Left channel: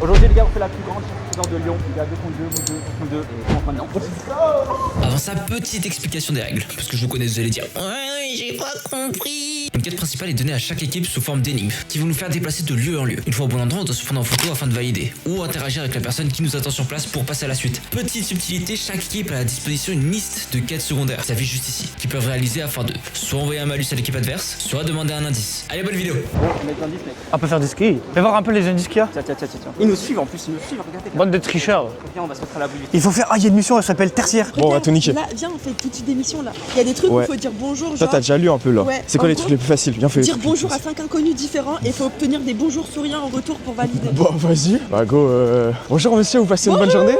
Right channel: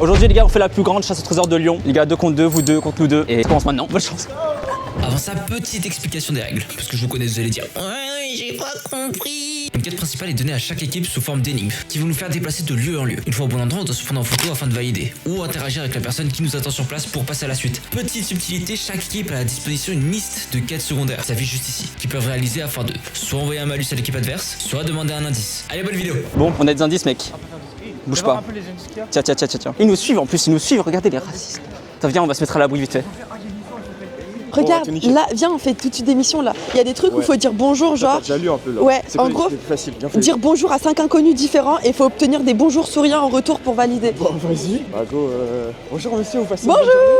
Aujourd'hui les gars, on fait la plus grande chasse au trésor de Lyon. Les gars, 2 contre 2, vous deux contre nous deux. Et ça commence maintenant. Bonne chance. Avant ça, petite explication des règles. Parce que je vous connais, vous allez dire ouais, j'ai pas compris. Une quête principale est donnée à chaque équipe sous forme d'énigmes qui vont nous faire déplacer de lieu en lieu. Une fois au bon endroit, on doit se prendre en photo afin de valider ou interagir avec la personne qui nous attend sur place pour passer à la suite. Petite subtilité, chaque équipe a à la disposition une liste de quêtes secondaires, ça affiche juste ici, qu'ils peuvent réaliser afin de soit envoyer un malus à l'équipe adverse, soit demander un indice. Allez, bonne vidéo. Bon, on a des indices, mec. On peut faire des skis. Bouge Fais voir pas. un peu les indices qu'il y a. Tiens. Ils nous suivent en plus, ils nous suivent. Regardez les Bande de tricheurs. Attends, viens, on va se mettre à l'abri vite. Il faut faire. Ah, il y a une mission, elle s'appelle tertiaire. Bon, on va Regarde, tout niquer. là, viens, on fait tout de suite des missions là. Il y a des trucs où Ouais. il faut dire bonjour, Toi, genre. t'as déjà lu un peu là. Ouais, C'est quoi en les gros, trucs les plus faciles? Viens, fais. Dire bonjour à 5 inconnus différents et il faut obtenir des bonjours souriants en retour pour valider. Bon, vas-y. Bah, go. Bonjour, monsieur, vous passez une bonne journée?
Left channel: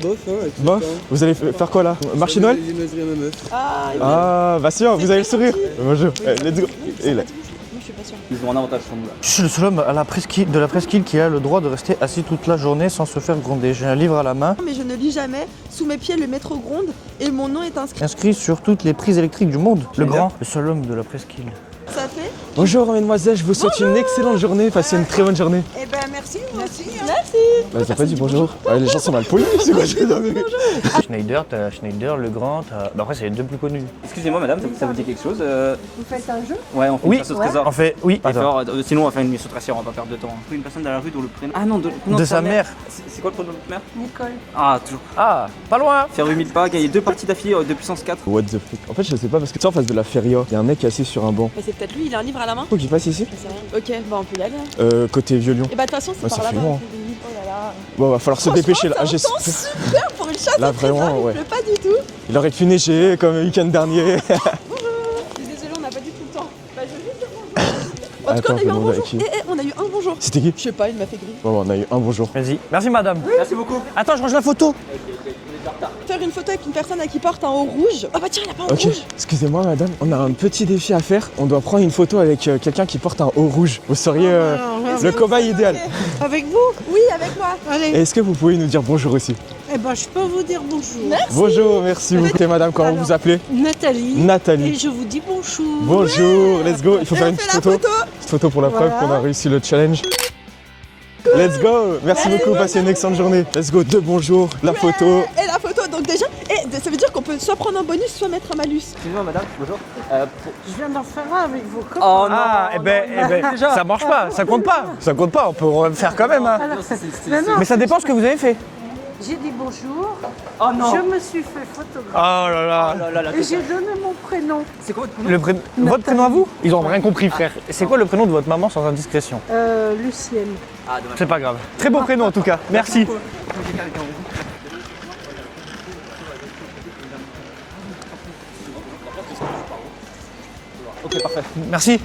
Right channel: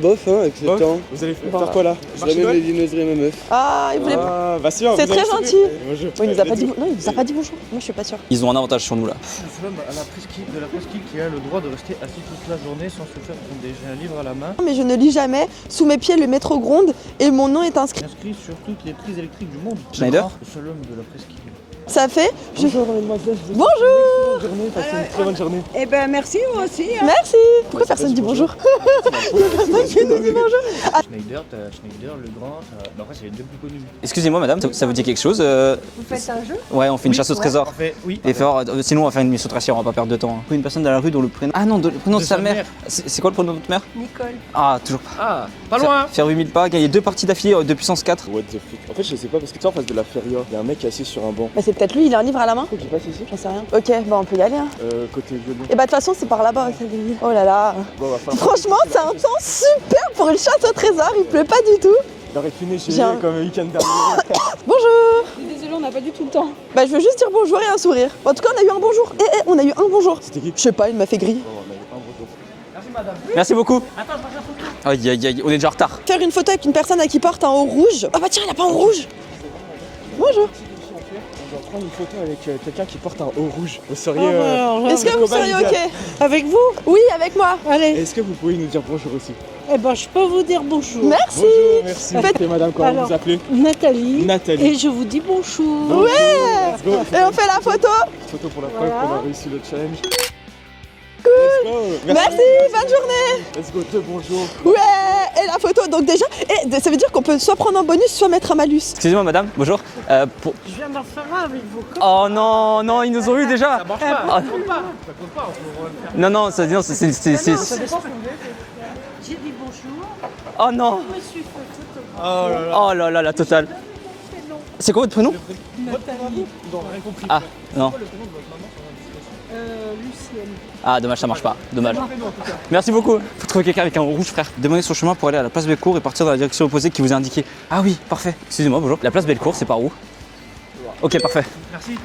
Bof, hein, avec Bof. le temps. Vous allez faire quoi là? Marché J'avais Noël? les viennoiseries à ma meuf. Ah, il voulait- Ah, bah, si, vous C'est avez très sourire. gentil. Bonjour. Oui, il nous a pas let's dit, go. non, il nous a pas dit bonjour. Moi, je suis pas sûre. Ils ont un avantage sur nous là. Je suis le seul homme à la presqu'île, de la presqu'île qui a le droit de rester assis toute la journée sans se faire gronder. J'ai un livre à la main, Mais je ne lis jamais. Sous mes pieds, le métro gronde et mon nom est inscrit. inscrit sur toutes les prises électriques du monde. Le Schneider. grand, le seul homme de la presqu'île. Ça fait. Bonjour, mademoiselle, je vous souhaite une excellente journée. Passez une très bonne journée. Eh ben merci, moi aussi. hein. Merci. Bah, Pourquoi t'as pas personne dit dit bonjour? Les gens sont mal polis. Schneider, t'as Schneider, le grand, t'as. Bah, après, c'est les deux plus connus. Excusez-moi, madame, ça vous dit quelque chose Vous faites un jeu. Ouais, on fait une chasse au trésor. En fait, oui. Et faire, sinon, on va faire une mission tracière, on va pas perdre de temps. Une personne dans la rue dont le prénom. Ah non, le prénom De de sa sa mère. mère. C'est quoi le prénom de votre mère? Nicole. Ah, toujours. Ah, pas loin. Faire 8000 pas, gagner 2 parties d'affilée de puissance 4. What the fuck? En fait, je sais pas parce que tu sais, en face de la feria, il y a un mec assis sur un banc. Bah, c'est peut-être lui, il a un livre à la main. Faut qu'il passe ici. Je sais rien. Ok, bah on peut y aller. Hein. Côté Vieux-Lyon. Et bah de toute façon, c'est Ouais, par ça là-bas. fait loin. ok. Oh là là. Bon, va falloir se Franchement, dépêcher là. c'est un temps super pour une chasse Là, au trésor. vraiment, Il ouais. pleut pas du tout. Il aurait pu neiger Genre. comme le week-end dernier. Bonjour. Je suis désolée, on n'a pas du tout le temps. Bah je veux juste dire bonjour et un sourire. En tout cas, on a eu un Attends, bonjour. on va On a eu un bonjour. C'était qui? Je sais pas, il m'a fait griller. Bon, on a eu un bonjour. Vas-y. Merci, madame. Merci beaucoup. Attends, je range la photo. Aïe, on est déjà en retard. Faire une photo avec une personne à qui porte un haut rouge. Ah bah tiens, il a pas un Ok, rouge. excusez-moi madame, on a un petit défi à faire. On doit prendre une photo avec quelqu'un qui porte un haut rouge. Vous seriez Est-ce le que vous cobaye seriez idéal. ok? Avec vous? Oui, avec moi. Allez. Est-ce que vous pouvez nous dire bonjour aussi? Eh ben je peux vous dire bonjour. Merci. Bonjour, merci. Ok madame, comment Alors. vous appelez? Nathalie. Et Nathalie. je vous dis bonjour. Bonjour, let's go. Il faut Et faire on une fait la photo. petite photo pour la preuve Voilà. qu'on a réussi le challenge. Let's go. Merci beaucoup, passez une excellente journée. Let's go, 2 bonjours, la Ouais, photo. Et la photo. Donc déjà, ça veut dire qu'on peut soit prendre un bonus, soit mettre un malus. Excusez-moi, madame, bonjour. Je viens d'en faire un avec vous. Oh non, Ah, eh ben, non, ils nous ont eu déjà. Ça marche pas, ça compte pas. Ça compte pas, on peut le faire quand Non, même. non, hein. ça veut dire, c'est. Mais ça dépend ce que vous avez fait. J'ai dit bonjour. Oh non. Je me suis fait photographier. Oh là là, la Et j'ai totale. donné mon prénom. C'est quoi votre prénom? Votre prénom à vous? Ils ont rien compris, Ah, frère. C'est non. quoi le prénom de votre maman sans indiscrétion? Lucienne. Ah, dommage, ça C'est pas marche grave. pas. Très Dommage. bon prénom en tout cas. Merci beaucoup. Faut trouver quelqu'un avec un rouge, frère. Demandez son chemin pour aller à la place Bellecour et partir dans la direction opposée qui vous est indiquée. Ah oui, parfait. Excusez-moi, bonjour. La place Bellecour, c'est par où? Ok, parfait. Merci.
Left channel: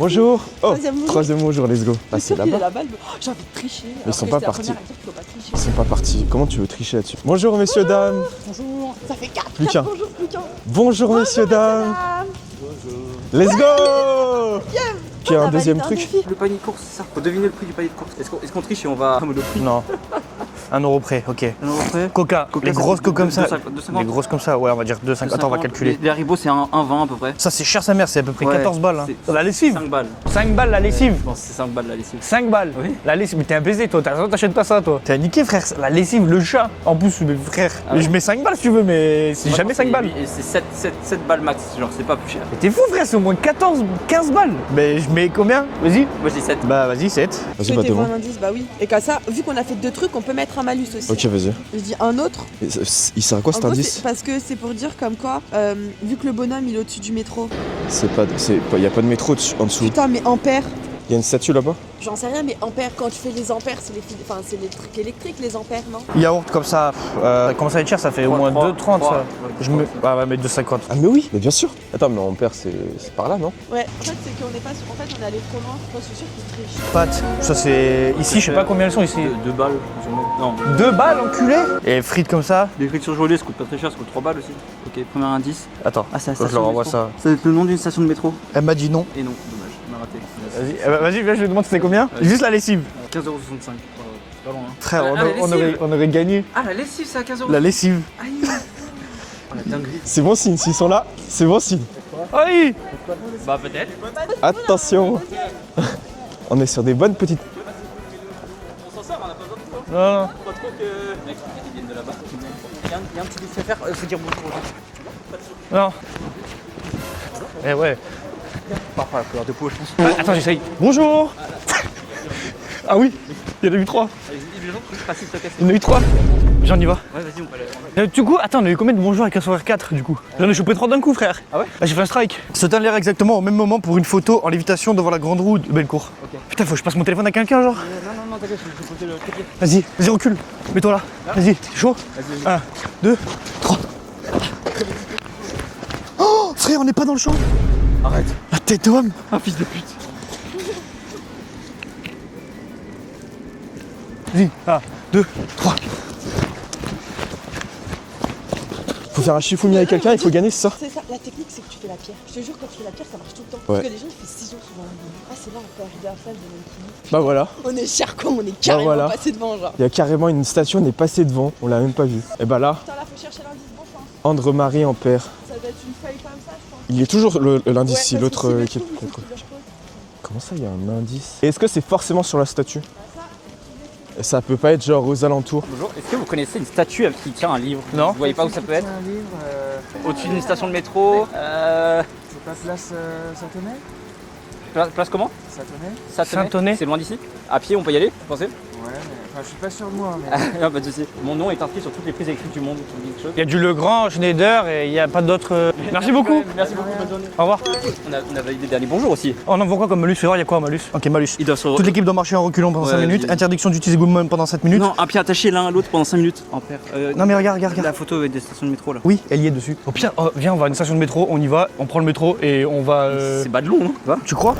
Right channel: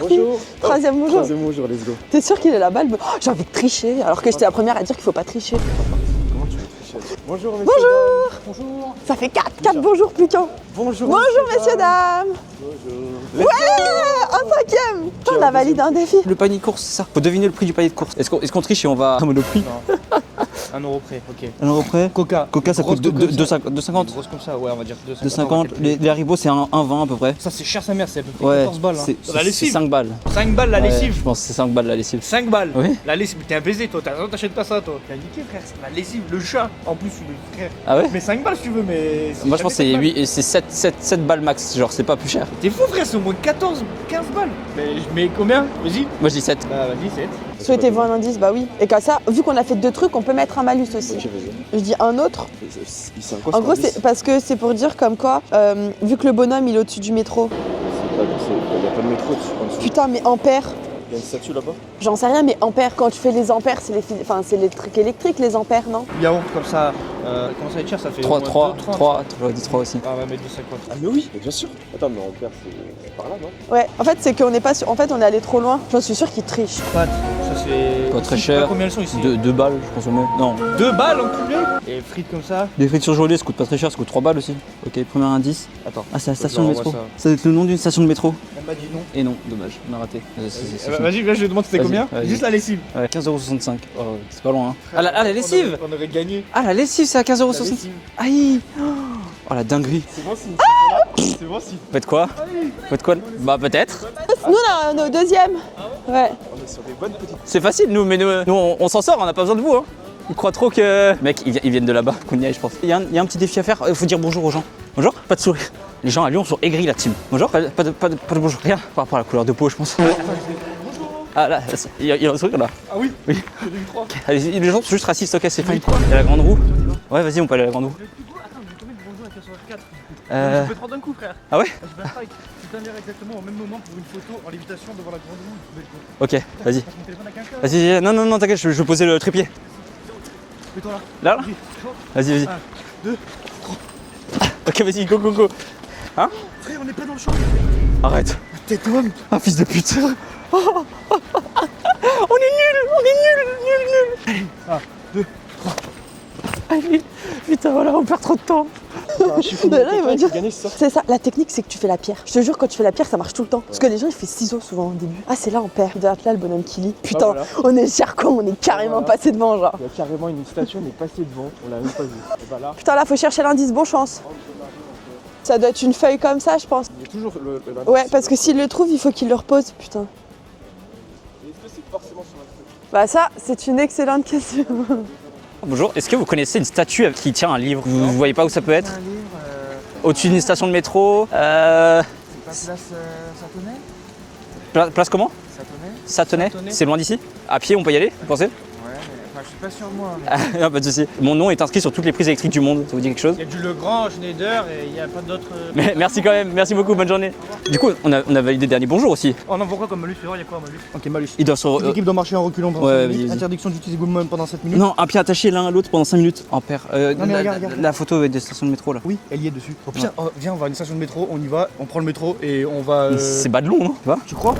Bonjour. Troisième bonjour. Troisième bonjour, let's go. T'es sûr qu'il est là-bas? Oh, j'ai envie de tricher. Alors sont que pas j'étais la partis. première à dire qu'il faut pas tricher. C'est pas parti. Comment tu veux tricher là-dessus? Bonjour, messieurs, dames. Bonjour. Ça fait 4 Plus qu'un. bonjours, plus qu'un. Bonjour, messieurs, Bonjour, messieurs, dames. dames. Let's go. Un cinquième. Qui a On un a validé deuxième un truc? défi. Le panier de course, c'est ça. Faut deviner le prix du panier de course. Est-ce qu'on triche et on va. Le prix. Non. 1 euro près, ok. Un euro près. Coca. Coca, les ça grosses fait comme ça. 2,50. Les grosses comme ça, ouais, on va dire 2,50. Attends, on va 2,50. calculer. Les Haribo, c'est un 1,20 à peu près. Ça, c'est cher sa mère, c'est à peu près Ouais, 14 balles. Hein. La lessive. 5 balles. 5 balles la Ouais, lessive. je pense que c'est 5 balles la lessive. 5 balles. Oui. La lessive, mais t'es un baiser toi, t'achètes pas ça toi. T'es un niqué frère, la lessive, le chat. En plus, frère, Ah ouais je mets 5 balles si tu veux, mais c'est Moi, je jamais pense 5 balles. que c'est 7 balles max, genre c'est pas plus cher. T'es fou frère, c'est au moins 14, 15 balles. Mais je mets combien? Vas-y. Moi je dis 7. Bah vas-y, 7. Vas-y, bah, Souhaitez-vous devant. un indice? Bah oui. Et comme ça, vu qu'on a fait 2 trucs, on peut mettre un malus aussi. Ok, vas-y. Je dis un autre. Il sert à quoi En cet gros, indice? c'est parce que c'est pour dire comme quoi, vu que le bonhomme il est au-dessus du métro. Il y a pas de métro en dessous. Putain, mais ampère. Il y a une statue là-bas? J'en sais rien, mais ampère, quand tu fais les ampères, c'est les trucs électriques, les ampères, non? Yaourt comme ça, comment ça va être cher, ça fait au moins 2,30 ça. Je mets- Bah, on va mettre 2,50. Ah mais oui, mais bien sûr. Attends, mais Ampère, c'est par là, non? Ouais. En fait, c'est qu'on n'est pas sûr. En fait, on est allé trop loin. Je suis sûr qu'il triche. Pâtes, ça c'est. Ici, je sais pas combien elles sont ici. 2 balles, je pense au moins. Non. 2 balles, enculé. Et frites comme ça. Les frites surgelées, ça coûte pas très cher, ça coûte 3 balles aussi. Ok, premier indice. Attends, Ah, c'est la faut que je station leur de envoie métro. ça. C'est le nom d'une station de métro. Elle m'a dit non. Et non, dommage, on a raté. Vas-y, viens, je lui demande c'était Vas-y, combien? vas-y. Juste la lessive. Ouais, 15,65€. C'est pas loin. Hein. Frère, la on lessive. aurait gagné. Ah, la lessive, c'est à 15,65€. La lessive. Aïe. Oh la dinguerie. C'est bon signe, s'ils sont là, c'est bon signe. Faites quoi? Aïe. Faites quoi? Bah peut-être. Nous, on a Attention, un deuxième. Ouais. on est sur des bonnes petites... C'est facile nous, mais nous on s'en sort, on n'a pas besoin de vous. Hein. Non. Ils croient trop que... Mec, ils viennent de là-bas, qu'on y aille, je pense. Il y a un petit défi à faire, faut dire bonjour aux gens. Bonjour, pas de sourire. Non. Les gens à Lyon sont aigris là-dessus. Bonjour, pas ouais. de bonjour. Rien, par rapport à la couleur de peau, je pense. Attends, j'essaye. Bonjour. Ah là, il y a un truc là. Ah oui, il y en a eu 3. Allez, les gens sont juste racistes, ok, c'est Il y en a fine. eu 3. Il y a la grande roue. J'en y va. Ouais, vas-y, on peut aller à la grande roue. Du coup, attends, on a eu combien de bonjours avec un sourire 4 du coup? J'en ai chopé 3 d'un coup, frère. Ah ouais? Ah, j'ai fait un strike. Se tenir l'air exactement au même moment pour une photo en lévitation devant la grande roue de Bellecour. Ok. Putain, faut que je passe mon téléphone à quelqu'un là. Vas-y, non, t'inquiète, je vais poser le trépied. Vas-y, recule. Mets-toi là. Là Vas-y, t'es chaud. Vas-y. 1, 2, 3. Ok, vas-y, go. Oh, frère, on n'est pas dans le champ. Arrête. Ah, tais-toi, un fils de pute. On est nuls. 1, 2, 3. Putain, voilà, on perd trop de temps. Faut faire un chiffonier avec quelqu'un, il faut gagner, c'est ça? C'est ça, la technique c'est que tu fais la pierre. Je te jure, quand tu fais la pierre, ça marche tout le temps. Parce Ouais. que les gens ils font ciseaux souvent au début. Ah, c'est là on perd. De là le bonhomme qui lit. Putain, voilà. on est cher comme on est carrément voilà. passé devant, genre. Il y a carrément une station, on est passé devant, on l'a même pas vu. Et bah là, Putain, là faut chercher l'indice, bon chance. André-Marie en père. Ça doit être une feuille comme ça, je pense. Il est toujours l'indice Ouais, si parce que l'autre, s'il le est- trouve, il faut qu'il le repose, putain. Comment ça, il y a un indice? Et est-ce que c'est forcément sur la statue? Bah, ça, c'est une excellente Ça peut question. pas être genre aux alentours. Bonjour, est-ce que vous connaissez une statue qui tient un livre? Vous voyez pas où ça peut être? Au-dessus d'une station de métro. C'est pas place Satonnet Place comment? Satonnet Satonnet. C'est loin d'ici? À pied, on peut y aller, vous pensez? Ouais, mais enfin, je suis pas sûr de moi. Mais... Non, pas de soucis. Mon nom est inscrit sur toutes les prises électriques du monde, ça vous dit quelque chose? Il y a du Legrand, Schneider et il n'y a pas d'autres. Merci beaucoup. quand même, merci beaucoup, bonne journée. Au revoir. Du coup, on a validé le dernier bonjour aussi. On envoie quoi comme malus? Fais voir, il y a quoi en malus? Ok, malus. Il doit se... Toute l'équipe doit marcher en reculant pendant Ouais, 5 minutes. vas-y. Interdiction d'utiliser Goodman pendant 7 minutes. Non, un pied attaché l'un à l'autre pendant 5 minutes. Un père. Non, mais regarde. La photo avec des stations de métro là. Oui, elle y est dessus. Au pire, viens, on va à une station de métro, on y va, on prend le métro et on va. C'est bas de long, non? Tu crois?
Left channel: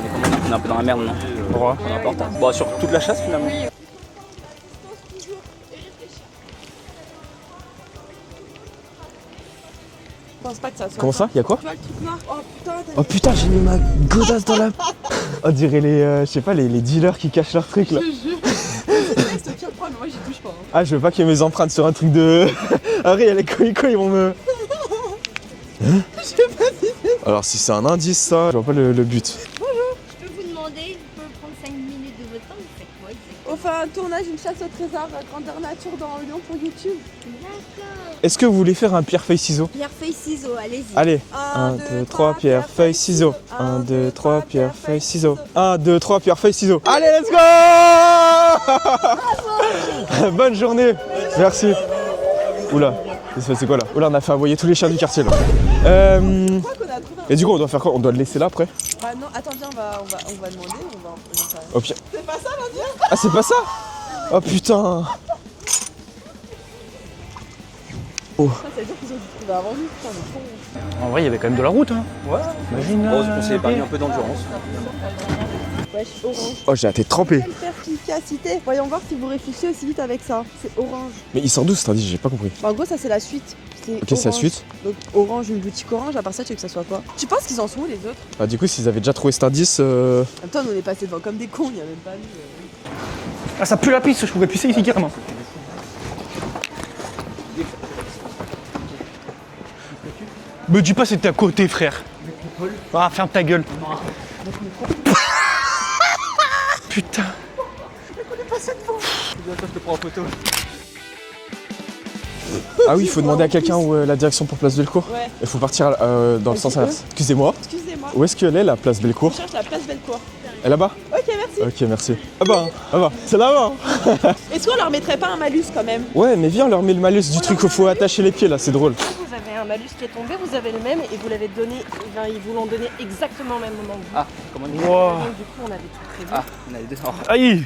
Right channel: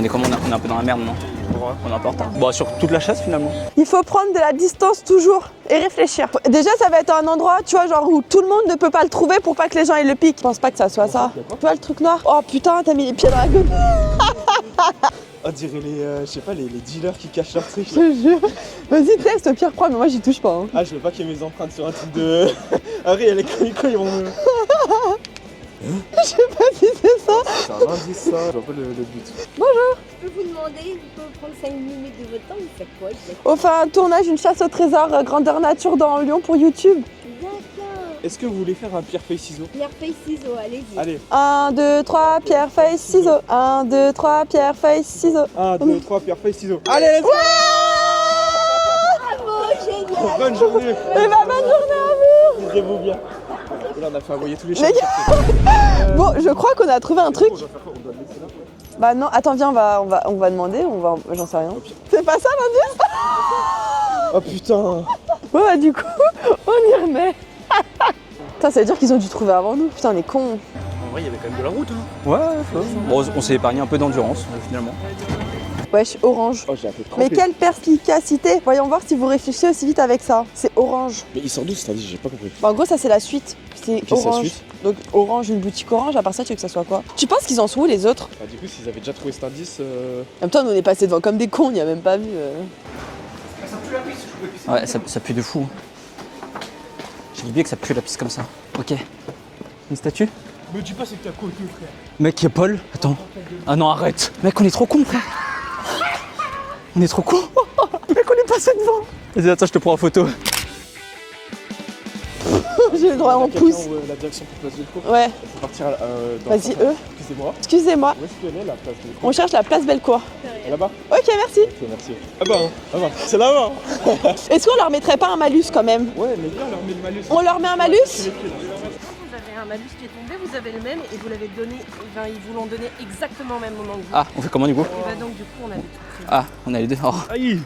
On est comment? On est un peu dans la merde, non? Pourquoi? On est un peu en retard. Bon, sur toute la chasse finalement. Il faut prendre de la distance toujours et réfléchir. Déjà, ça va être un endroit, tu vois, genre où tout le monde ne peut pas le trouver pour pas que les gens ils le piquent. Je pense pas que ça soit Comment ça? Y a quoi? Tu vois le truc noir? Oh putain, t'as mis les pieds putain, dans la j'ai gueule. ma godasse dans la... On dirait les, je sais pas, les dealers qui cachent leurs trucs là. Je te jure. Vas-y, texte, au pire, prends, mais moi j'y touche pas. Hein. Ah, je veux pas qu'il y ait mes empreintes sur un truc de... Harry, elle est coïco, ils vont me... Je sais pas si c'est ça. Alors si c'est un indice ça, je vois pas le but. Je peux vous demander de prendre 5 minutes de votre temps, vous faites quoi exactement? On fait un tournage, une chasse au trésor grandeur nature dans Lyon pour YouTube. Est-ce que vous voulez faire un pierre feuille ciseaux? Pierre, feuille, ciseaux, allez-y. Allez. 1, 2, 3, pierre, feuille, ciseaux. 1, 2, 3, pierre, feuille, ciseaux. 1, 2, 3, pierre, feuille, ciseaux. Allez, let's go. Bonne journée. Merci. Oula, c'est quoi là? Oula, on a fait envoyer tous les chiens du quartier là. Bon, je crois qu'on a trouvé un Et truc. du coup, on doit faire quoi? On doit le laisser là après? Bah non, attends, viens, on va demander, j'en sais rien. Au pire. C'est pas ça l'indice? Ah, c'est pas ça? Oh putain. Ouais, bah du coup, on y remet. Putain, ça veut dire qu'ils ont dû trouver avant nous. Putain, on est cons. En vrai, il y avait quand même de la route. Hein. Ouais, on s'est épargné un peu d'endurance finalement. Wesh, orange. Oh, j'ai été Mais trempé. quelle perspicacité. Voyons voir si vous réfléchissez aussi vite avec ça. C'est orange. Mais il sort d'où cet indice? J'ai pas compris. Bah, en gros, ça c'est la suite. C'est Ok, c'est la orange. suite. Donc orange, une boutique orange, à part ça, tu veux que ça soit quoi? Tu penses qu'ils en sont où les autres? Bah, du coup, s'ils avaient déjà trouvé cet indice. En même temps, nous on est passé devant comme des cons, on n'y a même pas vu. Ah, ça pue la pisse, je pouvais pisser ici carrément. Ça pue de fou. J'ai oublié que ça pue la pisse comme ça. Ok. Une statue? Me dis pas c'était à côté, frère. Mec, y'a Paul. Ah, ferme ta gueule. Ah non, arrête. Mec, on est trop con. On est trop con. Mec, on est passé devant. Vas-y, attends, je te prends en photo. Ah oui, il Je faut vois demander à en quelqu'un pouce. où est la direction pour Place Bellecour. Ouais, Il faut partir dans le Vas-y, sens inverse. Excusez-moi. excusez-moi. Où est-ce qu'elle est la Place Bellecour? On cherche la place Bellecour. Elle est là-bas? Ok, merci. Ok, merci. Ah bah, c'est là-bas. Est-ce qu'on leur mettrait pas un malus quand même? Ouais, mais viens, on leur met le malus On du truc leur où met faut un malus attacher les pieds là, c'est drôle. Vous avez un malus qui est tombé, vous avez le même et vous l'avez donné, ils vous l'ont donné exactement au même moment que vous. Ah, on fait comment du coup? Bah, donc, du coup, on avait tout prévu. Ah, on a les deux. Oh. Aïe.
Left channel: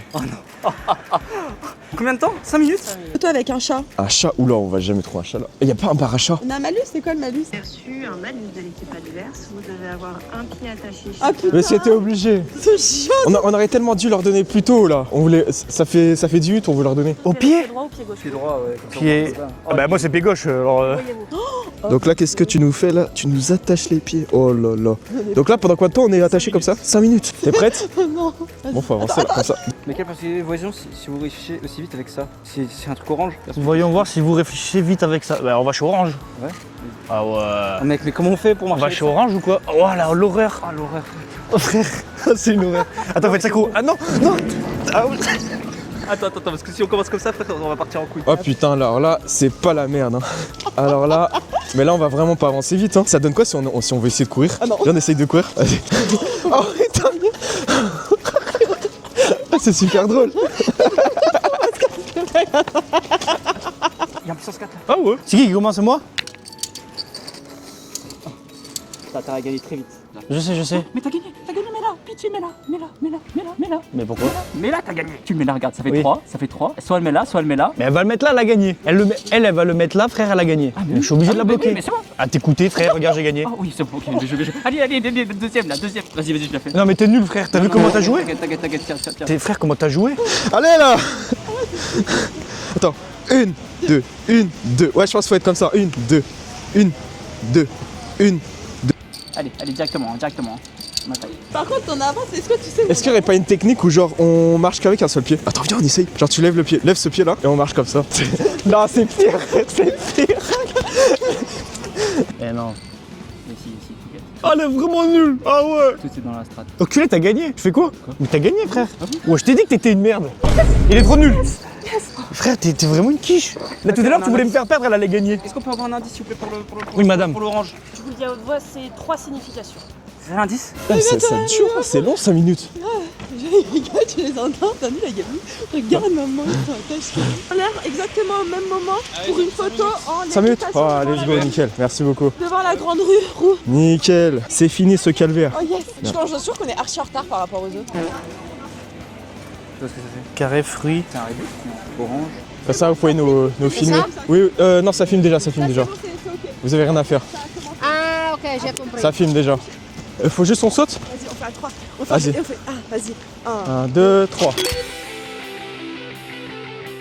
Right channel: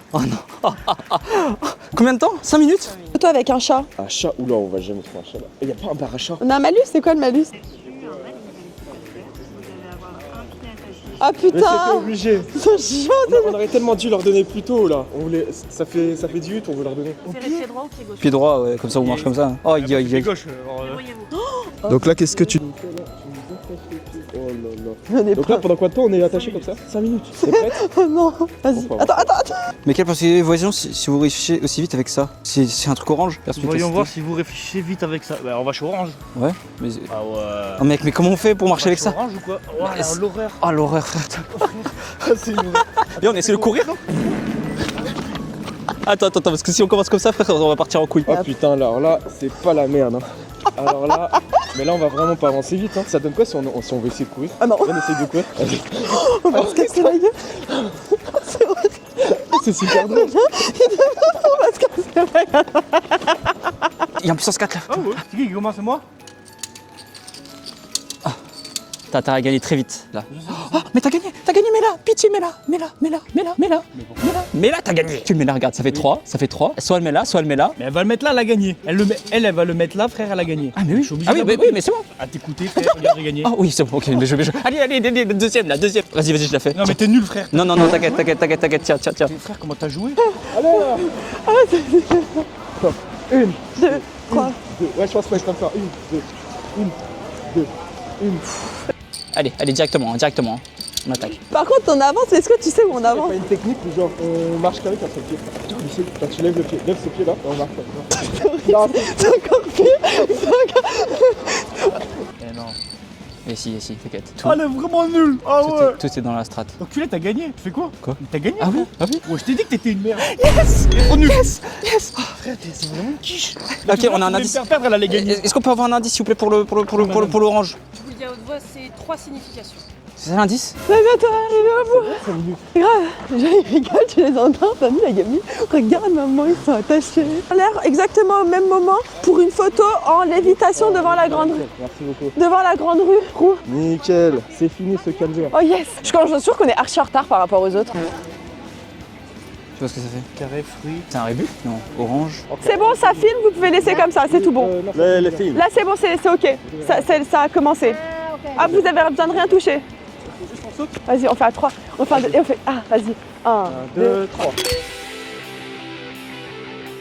Combien de temps? 5 minutes? Toi avec un chat. Un chat? Oula, on va jamais trouver un chat là. Et y a pas un bar à chat? On a un malus, c'est quoi le malus? Vous avez reçu un malus de l'équipe adverse, vous devez allez avoir un pied attaché. Ah putain. Mais c'était obligé. On aurait tellement dû leur donner plus tôt là. On voulait, ça fait 10 minutes, on veut leur donner. Au pied. Pied droit ou pied gauche? Pied droit, ouais, comme ça on Pied- marche comme ça. Ah bah moi c'est pied gauche. Alors, Voyez-vous. Donc là, qu'est-ce que tu nous fais là? Tu nous attaches les pieds. Oh là là. Donc là, pendant combien de temps on est attaché comme ça? 5 minutes. T'es prête? Non. Bon, faut avancer comme ça. Mais quel pensez voyons si vous réfléchissez aussi vite avec ça? C'est un truc orange. Voyons voir si vous réfléchissez vite avec ça. Bah on va chez Orange. Ouais. Mais... Ah ouais. Oh, mec, mais comment on fait pour On marcher va avec chez ça? Orange ou quoi? Oh là, l'horreur. Oh l'horreur. C'est une horreur. Attends, mais faites c'est ça courir. Non. Attends, parce que si on commence comme ça, frère, on va partir en couille. Oh putain, alors là, c'est pas la merde. Hein. Alors là, mais là, on va vraiment pas avancer vite. Hein. Ça donne quoi si on veut essayer de courir? Ah non. Viens, on essaye de courir. Vas-y. On va se casser la gueule. C'est super drôle. Il y a un puissance 4 là. Ah ouais. C'est qui commence? Moi? T'as intérêt à gagner très vite là. Je sais. Mais t'as gagné, mets-la, pitié, mets-la. Mais pourquoi? Mais là, t'as gagné. Tu le mets là, regarde, ça fait Oui. 3, ça fait 3. Soit elle met là, soit elle met là. Mais elle va le mettre là, elle a gagné. Elle va le mettre là, frère, elle a gagné. Ah, mais oui. Je suis obligé de la bloquer. mais c'est bon. Ah t'écouter, frère, regarde, j'ai gagné. Ah oui, c'est bon, ok, bien joué. Allez, deuxième. Vas-y, je la fais. Non mais t'es nul, frère. T'as non, vu comment t'as joué? t'inquiète, tiens. T'es frère, comment t'as joué? Allez là. Attends. 1, 2, 1, 2. Ouais, je pense qu'il faut être comme ça. 1, 2, 1, 2, 1. Allez, directement. On attaque. Par contre, ton avance, est-ce que tu sais où Est-ce on qu'il n'y aurait avance? pas une technique où genre on marche qu'avec un seul pied? Attends, viens, on essaye. Genre tu lèves le pied, lève ce pied là et on marche comme ça. Non, c'est. Eh non. Et si, t'inquiète. Ah, elle est vraiment nulle. Ah ouais. Tout est dans la strat. Donc tu l'as, t'as gagné. Tu fais quoi? Quoi? Mais t'as gagné, Ah frère. bon Ouais, je t'ai dit que t'étais une merde. Il est trop nul. Frère, t'es vraiment une quiche. Là, Ok, tout à l'heure, on a tu un voulais me indice. faire perdre, elle allait gagner. Est-ce qu'on peut avoir un indice s'il vous plaît pour madame. l'orange? Je vous le dis à haute voix, c'est 3 significations. C'est un indice? C'est long 5 minutes. Regarde, tu les entends, t'as vu la gamine? Regarde, maman, ils sont attachés. On a l'air exactement au même moment pour une photo en 5 minutes. lévitation devant la allez, grande nickel, merci beaucoup. devant la grande rue. Roux. Nickel, c'est fini ce calvaire. Oh yes. Je suis sûre qu'on est archi en retard par rapport aux autres. Tu vois ce que ça fait? Carré, fruit. C'est un rébut? Non. Orange. C'est bon, ça filme, vous pouvez laisser comme ça, c'est tout bon. Non, ça filme déjà, ça filme Là, déjà. c'est bon, c'est ok. Vous avez rien à faire. Ça a commencé. Ah, ok. Ah, vous avez Ça un temps de filme rien déjà. toucher. Faut juste on saute. Vas-y, on fait à 3. On fait à Vas-y. 2 et on fait. Ah, vas-y. 1, 2, 3.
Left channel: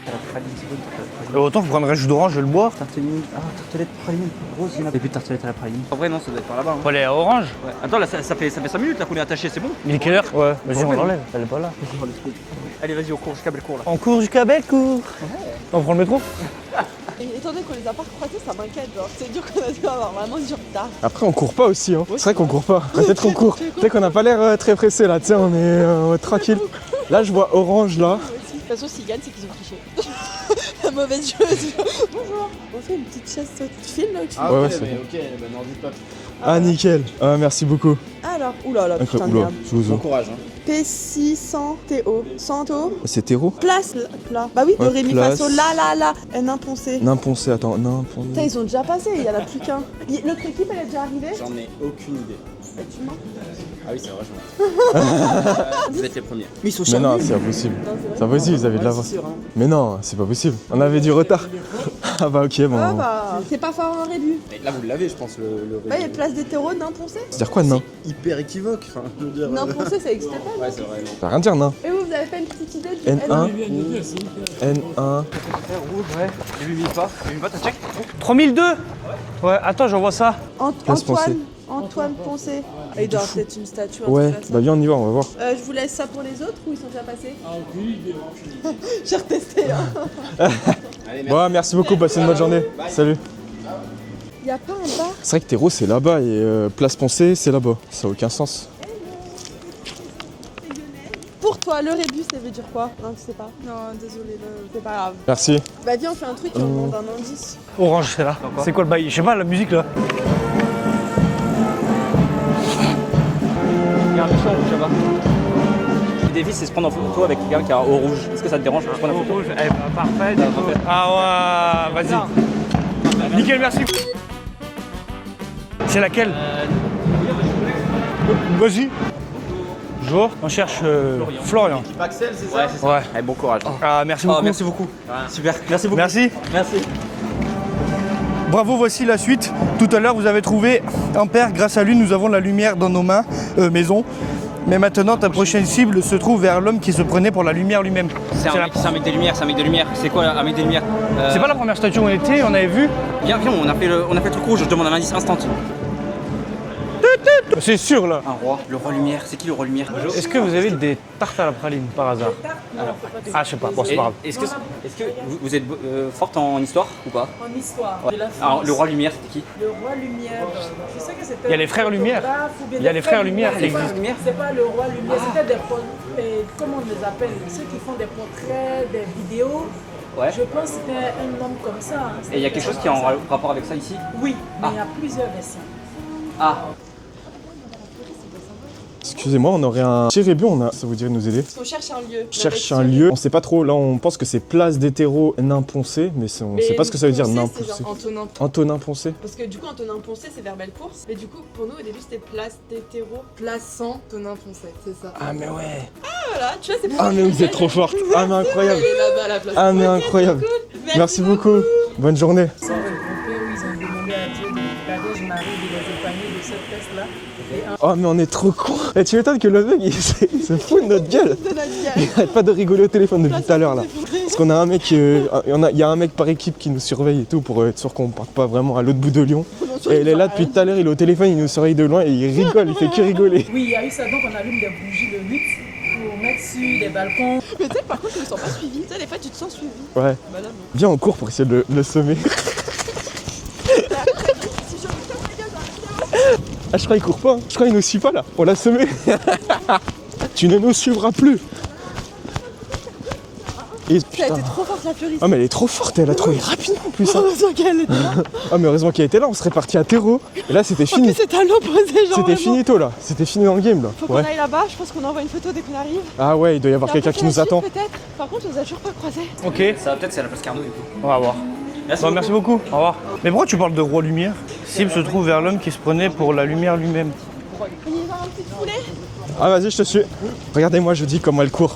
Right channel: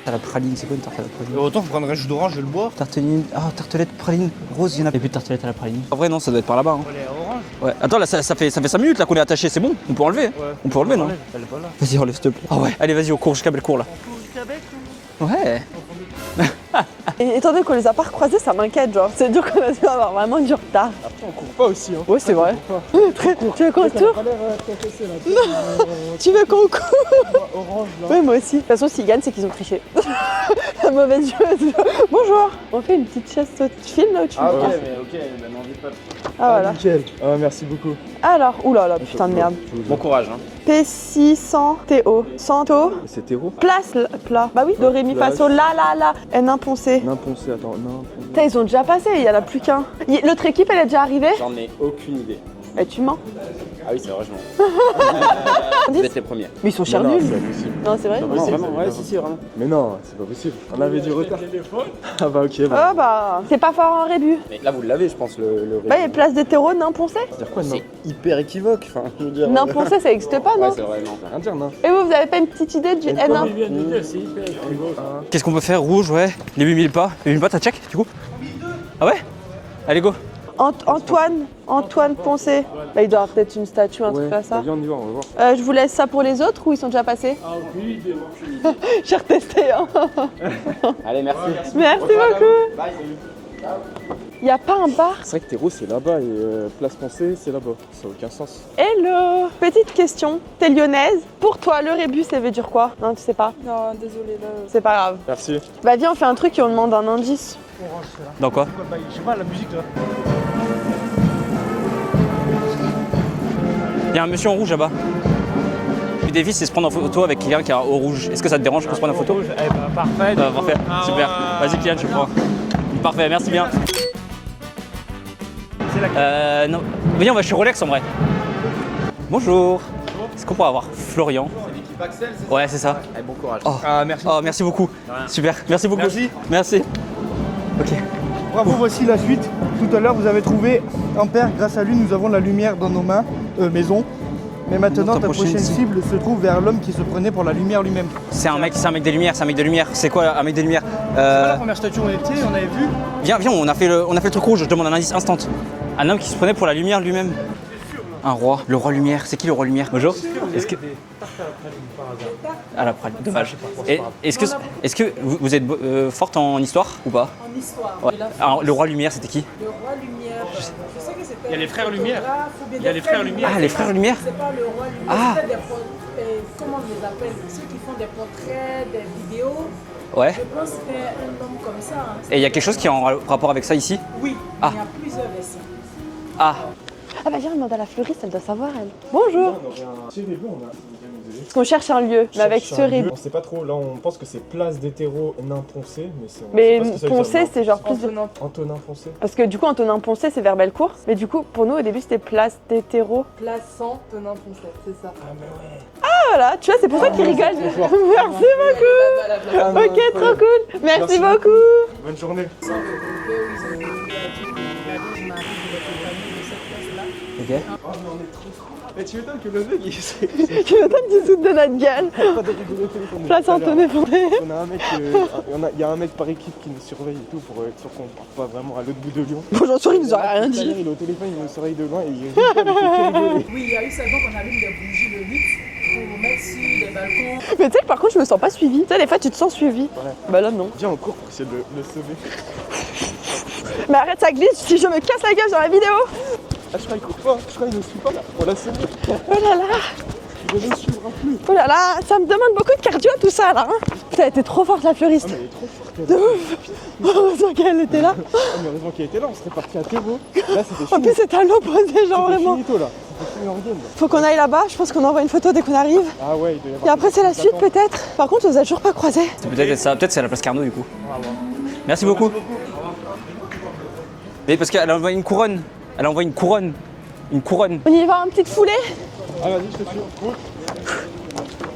Tarte à la praline, c'est quoi une tarte à la praline? Autant je prendrais un jus d'orange, je vais le boire. Tartelette praline rose, il y en a. Et puis tartelette à la praline. En vrai, non, ça doit être par là-bas. Faut aller à Orange. Ouais. Attends, là, ça fait 5 minutes là qu'on est attaché, c'est bon. Il est peut quelle enlever. heure? Ouais, On mais peut je enlever, non? ramène, elle est pas là. Vas-y, enlève s'il te plaît. Ah ouais. Allez, vas-y, on court jusqu'à Bellecour là. On court jusqu'à Bellecour. Ouais. On prend le métro? Et étant donné qu'on les a pas recroisés, ça m'inquiète, genre. C'est dur qu'on a dû avoir vraiment du retard. Après, on court pas aussi. Hein. Ouais, c'est vrai c'est qu'on vrai. court pas. Peut-être qu'on court. Tu veux qu'on Tu sais qu'on a court pas l'air très pressé là. Tu sais, on est Tu veux tranquille. qu'on court? Là, je vois orange là. Oui, moi aussi. De toute façon, s'ils gagnent, c'est qu'ils ont triché. La mauvaise chose. Bonjour. On fait une petite chasse saute. Tu filmes là ou tu Ouais, filmes c'est- mais ok, bah n'en dites pas. Ah, voilà. nickel. Ah, merci beaucoup. Alors, oulala, putain de Oula, merde. je vous en- Courage. P600 TO. Santo. C'est terreau. Place, plat. Bah oui, do, Ouais, ré, mi, fa, place. sol, la. N imponcé. Nain poncé, attends, nain poncé. Putain, ils ont déjà passé, il y en a plus qu'un. L'autre équipe, elle est déjà arrivée? J'en ai aucune idée. Et tu mens. Ah oui, c'est vrai, je mens. Vous êtes les premiers. Mais ils sont Mais chers non, nuls. c'est impossible. Non, c'est vrai. C'est impossible, vous avez de Ouais, l'avance. si, vraiment. Mais non, c'est pas possible. On avait du retard. Ah bah ok, Ah bah. bah, c'est pas fort en rébut. Mais là, vous l'avez, je pense, le Bah, il y a place d'hétéro, nain poncé. C'est-dire quoi, nain? hyper équivoque. Enfin, je veux dire. Nain poncé, ça n'existe pas, non? C'est vrai, non. Ça veut rien dire, nain. Et vous avez pas une petite idée du N1. N1? N1. Qu'est-ce qu'on peut faire? Rouge, ouais. Les 8000 pas. 8000 pas, t'as check du coup? 3002. Ah ouais? Ouais, attends, Allez, j'envoie go. ça. Antoine Poncé. Bah, il doit avoir peut-être une statue, un Ouais, truc comme ça. bah viens, on y va, on va voir. Je vous laisse ça pour les autres ou ils sont déjà passés? J'ai retesté, hein. Allez, merci. Ouais, merci beaucoup, Merci passez une bonne journée. Salut. Y a pas un bar? C'est vrai que terreau, c'est là-bas et place Poncé, c'est là-bas. Ça n'a aucun sens. Hello! Petite question, t'es lyonnaise? Pour toi, le rébus, ça veut dire quoi? Non, tu sais pas? Non, désolé. C'est pas grave. Merci. Bah, viens, on fait un truc et on demande un indice. Orange, c'est là. Dans quoi? C'est quoi le bail? Je sais pas, la musique là. Il y a un monsieur en rouge là-bas. Le défi, c'est se prendre en photo avec quelqu'un qui a au rouge. Est-ce que ça te dérange qu'on se prenne en photo? Rouge. Eh ben, parfait. Bah, parfait. Ah Super. ouais, Vas-y, Kylian, tu vas-y. vois. Parfait, merci Nickel, bien. merci. C'est laquelle? Non. Viens, on va chez Rolex en vrai. Vas-y. Bonjour. Bonjour. qu'on peut avoir Florian. Florian. Axel, c'est ça? Ouais, c'est ça. Ouais. Allez, bon courage. Ah, merci beaucoup. Ah, merci beaucoup. Super. Merci beaucoup. Merci. Merci. Ok. Bravo, voici la suite. Tout à l'heure, vous avez trouvé un père. Grâce à lui, nous avons la lumière dans nos mains, maison. Mais maintenant, ta prochaine cible se trouve vers l'homme qui se prenait pour la lumière lui-même. C'est un mec de lumière, c'est un mec de lumière. C'est quoi un mec de lumière? C'est pas la première statue où on était, on avait vu. Viens, on a fait le truc rouge, je demande un indice instant. Un homme qui se prenait pour la lumière lui-même. C'est sûr là. Un roi, le roi lumière. C'est qui le roi lumière? Est-ce que vous avez des tartes à la praline par hasard? À la praline. Ah, je sais pas, bon, c'est pas grave. Est-ce que vous êtes forte en histoire ou pas? En histoire Ouais. de la France. Alors, le roi lumière, c'était qui? Le roi Lumière, je sais que c'était. Il y a les frères Lumière. Il y a les frères Lumière. Ah, les frères Lumière. C'est pas le roi Lumière, Ah. c'était des comment on les appelle? Ceux qui font des portraits, des vidéos. Ouais. Je pense que c'était un homme comme ça. Hein. Et il y a quelque chose qui est en rapport avec ça ici? Oui, mais Ah. il y a plusieurs versions. Ah, Ah bah viens, demande à la fleuriste, elle doit savoir elle. Excusez-moi, on aurait un petit rébut, ça vous dirait de nous aider? Parce qu'on cherche un lieu, mais avec Cherche un cerise. lieu. On sait pas trop, là on pense que c'est place d'hétéro nain poncé, mais on Mais sait pas ce que ça veut dire. Poncé, nain c'est genre poncé. Antonin Poncé. Parce que du coup, Antonin Poncé, c'est vers Bellecour. Mais du coup, pour nous, au début, c'était place d'hétéro. Plaçant Tonin Foncé, c'est ça. Ah mais ouais. Ah voilà, tu vois, c'est pour ça que tu Vous rigoles. êtes trop fort. Ah mais incroyable. Ah mais Ok, trop incroyable. cool. Merci beaucoup. Bonne journée. Oh mais on est trop cons. Et tu m'étonnes que le mec il s'est fait notre gueule. De notre gueule. Il arrête pas de rigoler au téléphone depuis Place tout à l'heure. là. Antonin Poncé. Parce qu'on a un mec, il y a un mec par équipe qui nous surveille et tout pour être sûr qu'on parte pas vraiment à l'autre bout de Lyon. Et il est là depuis tout à l'heure, il est au téléphone, il nous surveille de loin et il rigole, il fait que rigoler. Oui, il y a eu ça, donc on allume des bougies de luxe pour mettre sur les balcons. Mais tu sais, par contre, je me sens pas suivie. Tu sais, des fois, tu te sens suivie. Ouais. Bah là, non. Viens en cours pour essayer de le semer. Là, arrête, ça glisse. Si je me casse la gueule sur la vidéo. Ah je crois qu'il court pas, je crois qu'il nous suit pas là. On l'a semé. Tu ne nous suivras plus. Oh là là, ça me demande beaucoup de cardio tout ça là. Hein. Et Elle était trop forte la fleuriste. Ah mais elle est trop forte, elle a trouvé rapidement en plus. hein. Heureusement qu'elle était là. Ah mais heureusement qu'elle était là, on serait parti à terreau. Et là c'était fini. Que c'était à l'opposé, genre. C'était vraiment. finito là, c'était fini dans le game là. Faut qu'on Ouais. aille là-bas, je pense qu'on envoie une photo dès qu'on arrive. Ah ouais, il doit y Et avoir après, quelqu'un c'est qui la nous suite attend. peut-être. Par contre, on les a toujours pas croisés. peut-être c'est à la place Carnot du coup. On va voir. Merci Bon, beaucoup. merci beaucoup. Au revoir. Mais pourquoi tu parles de roi lumière? Et parce S'il qu'elle se a envoyé trouve une vers couronne. l'homme qui se prenait Elle a envoyé pour une la couronne. lumière lui-même. Une couronne. On y va une petite foulée. Ah vas-y, je te suis. Regardez-moi, je dis comment elle court.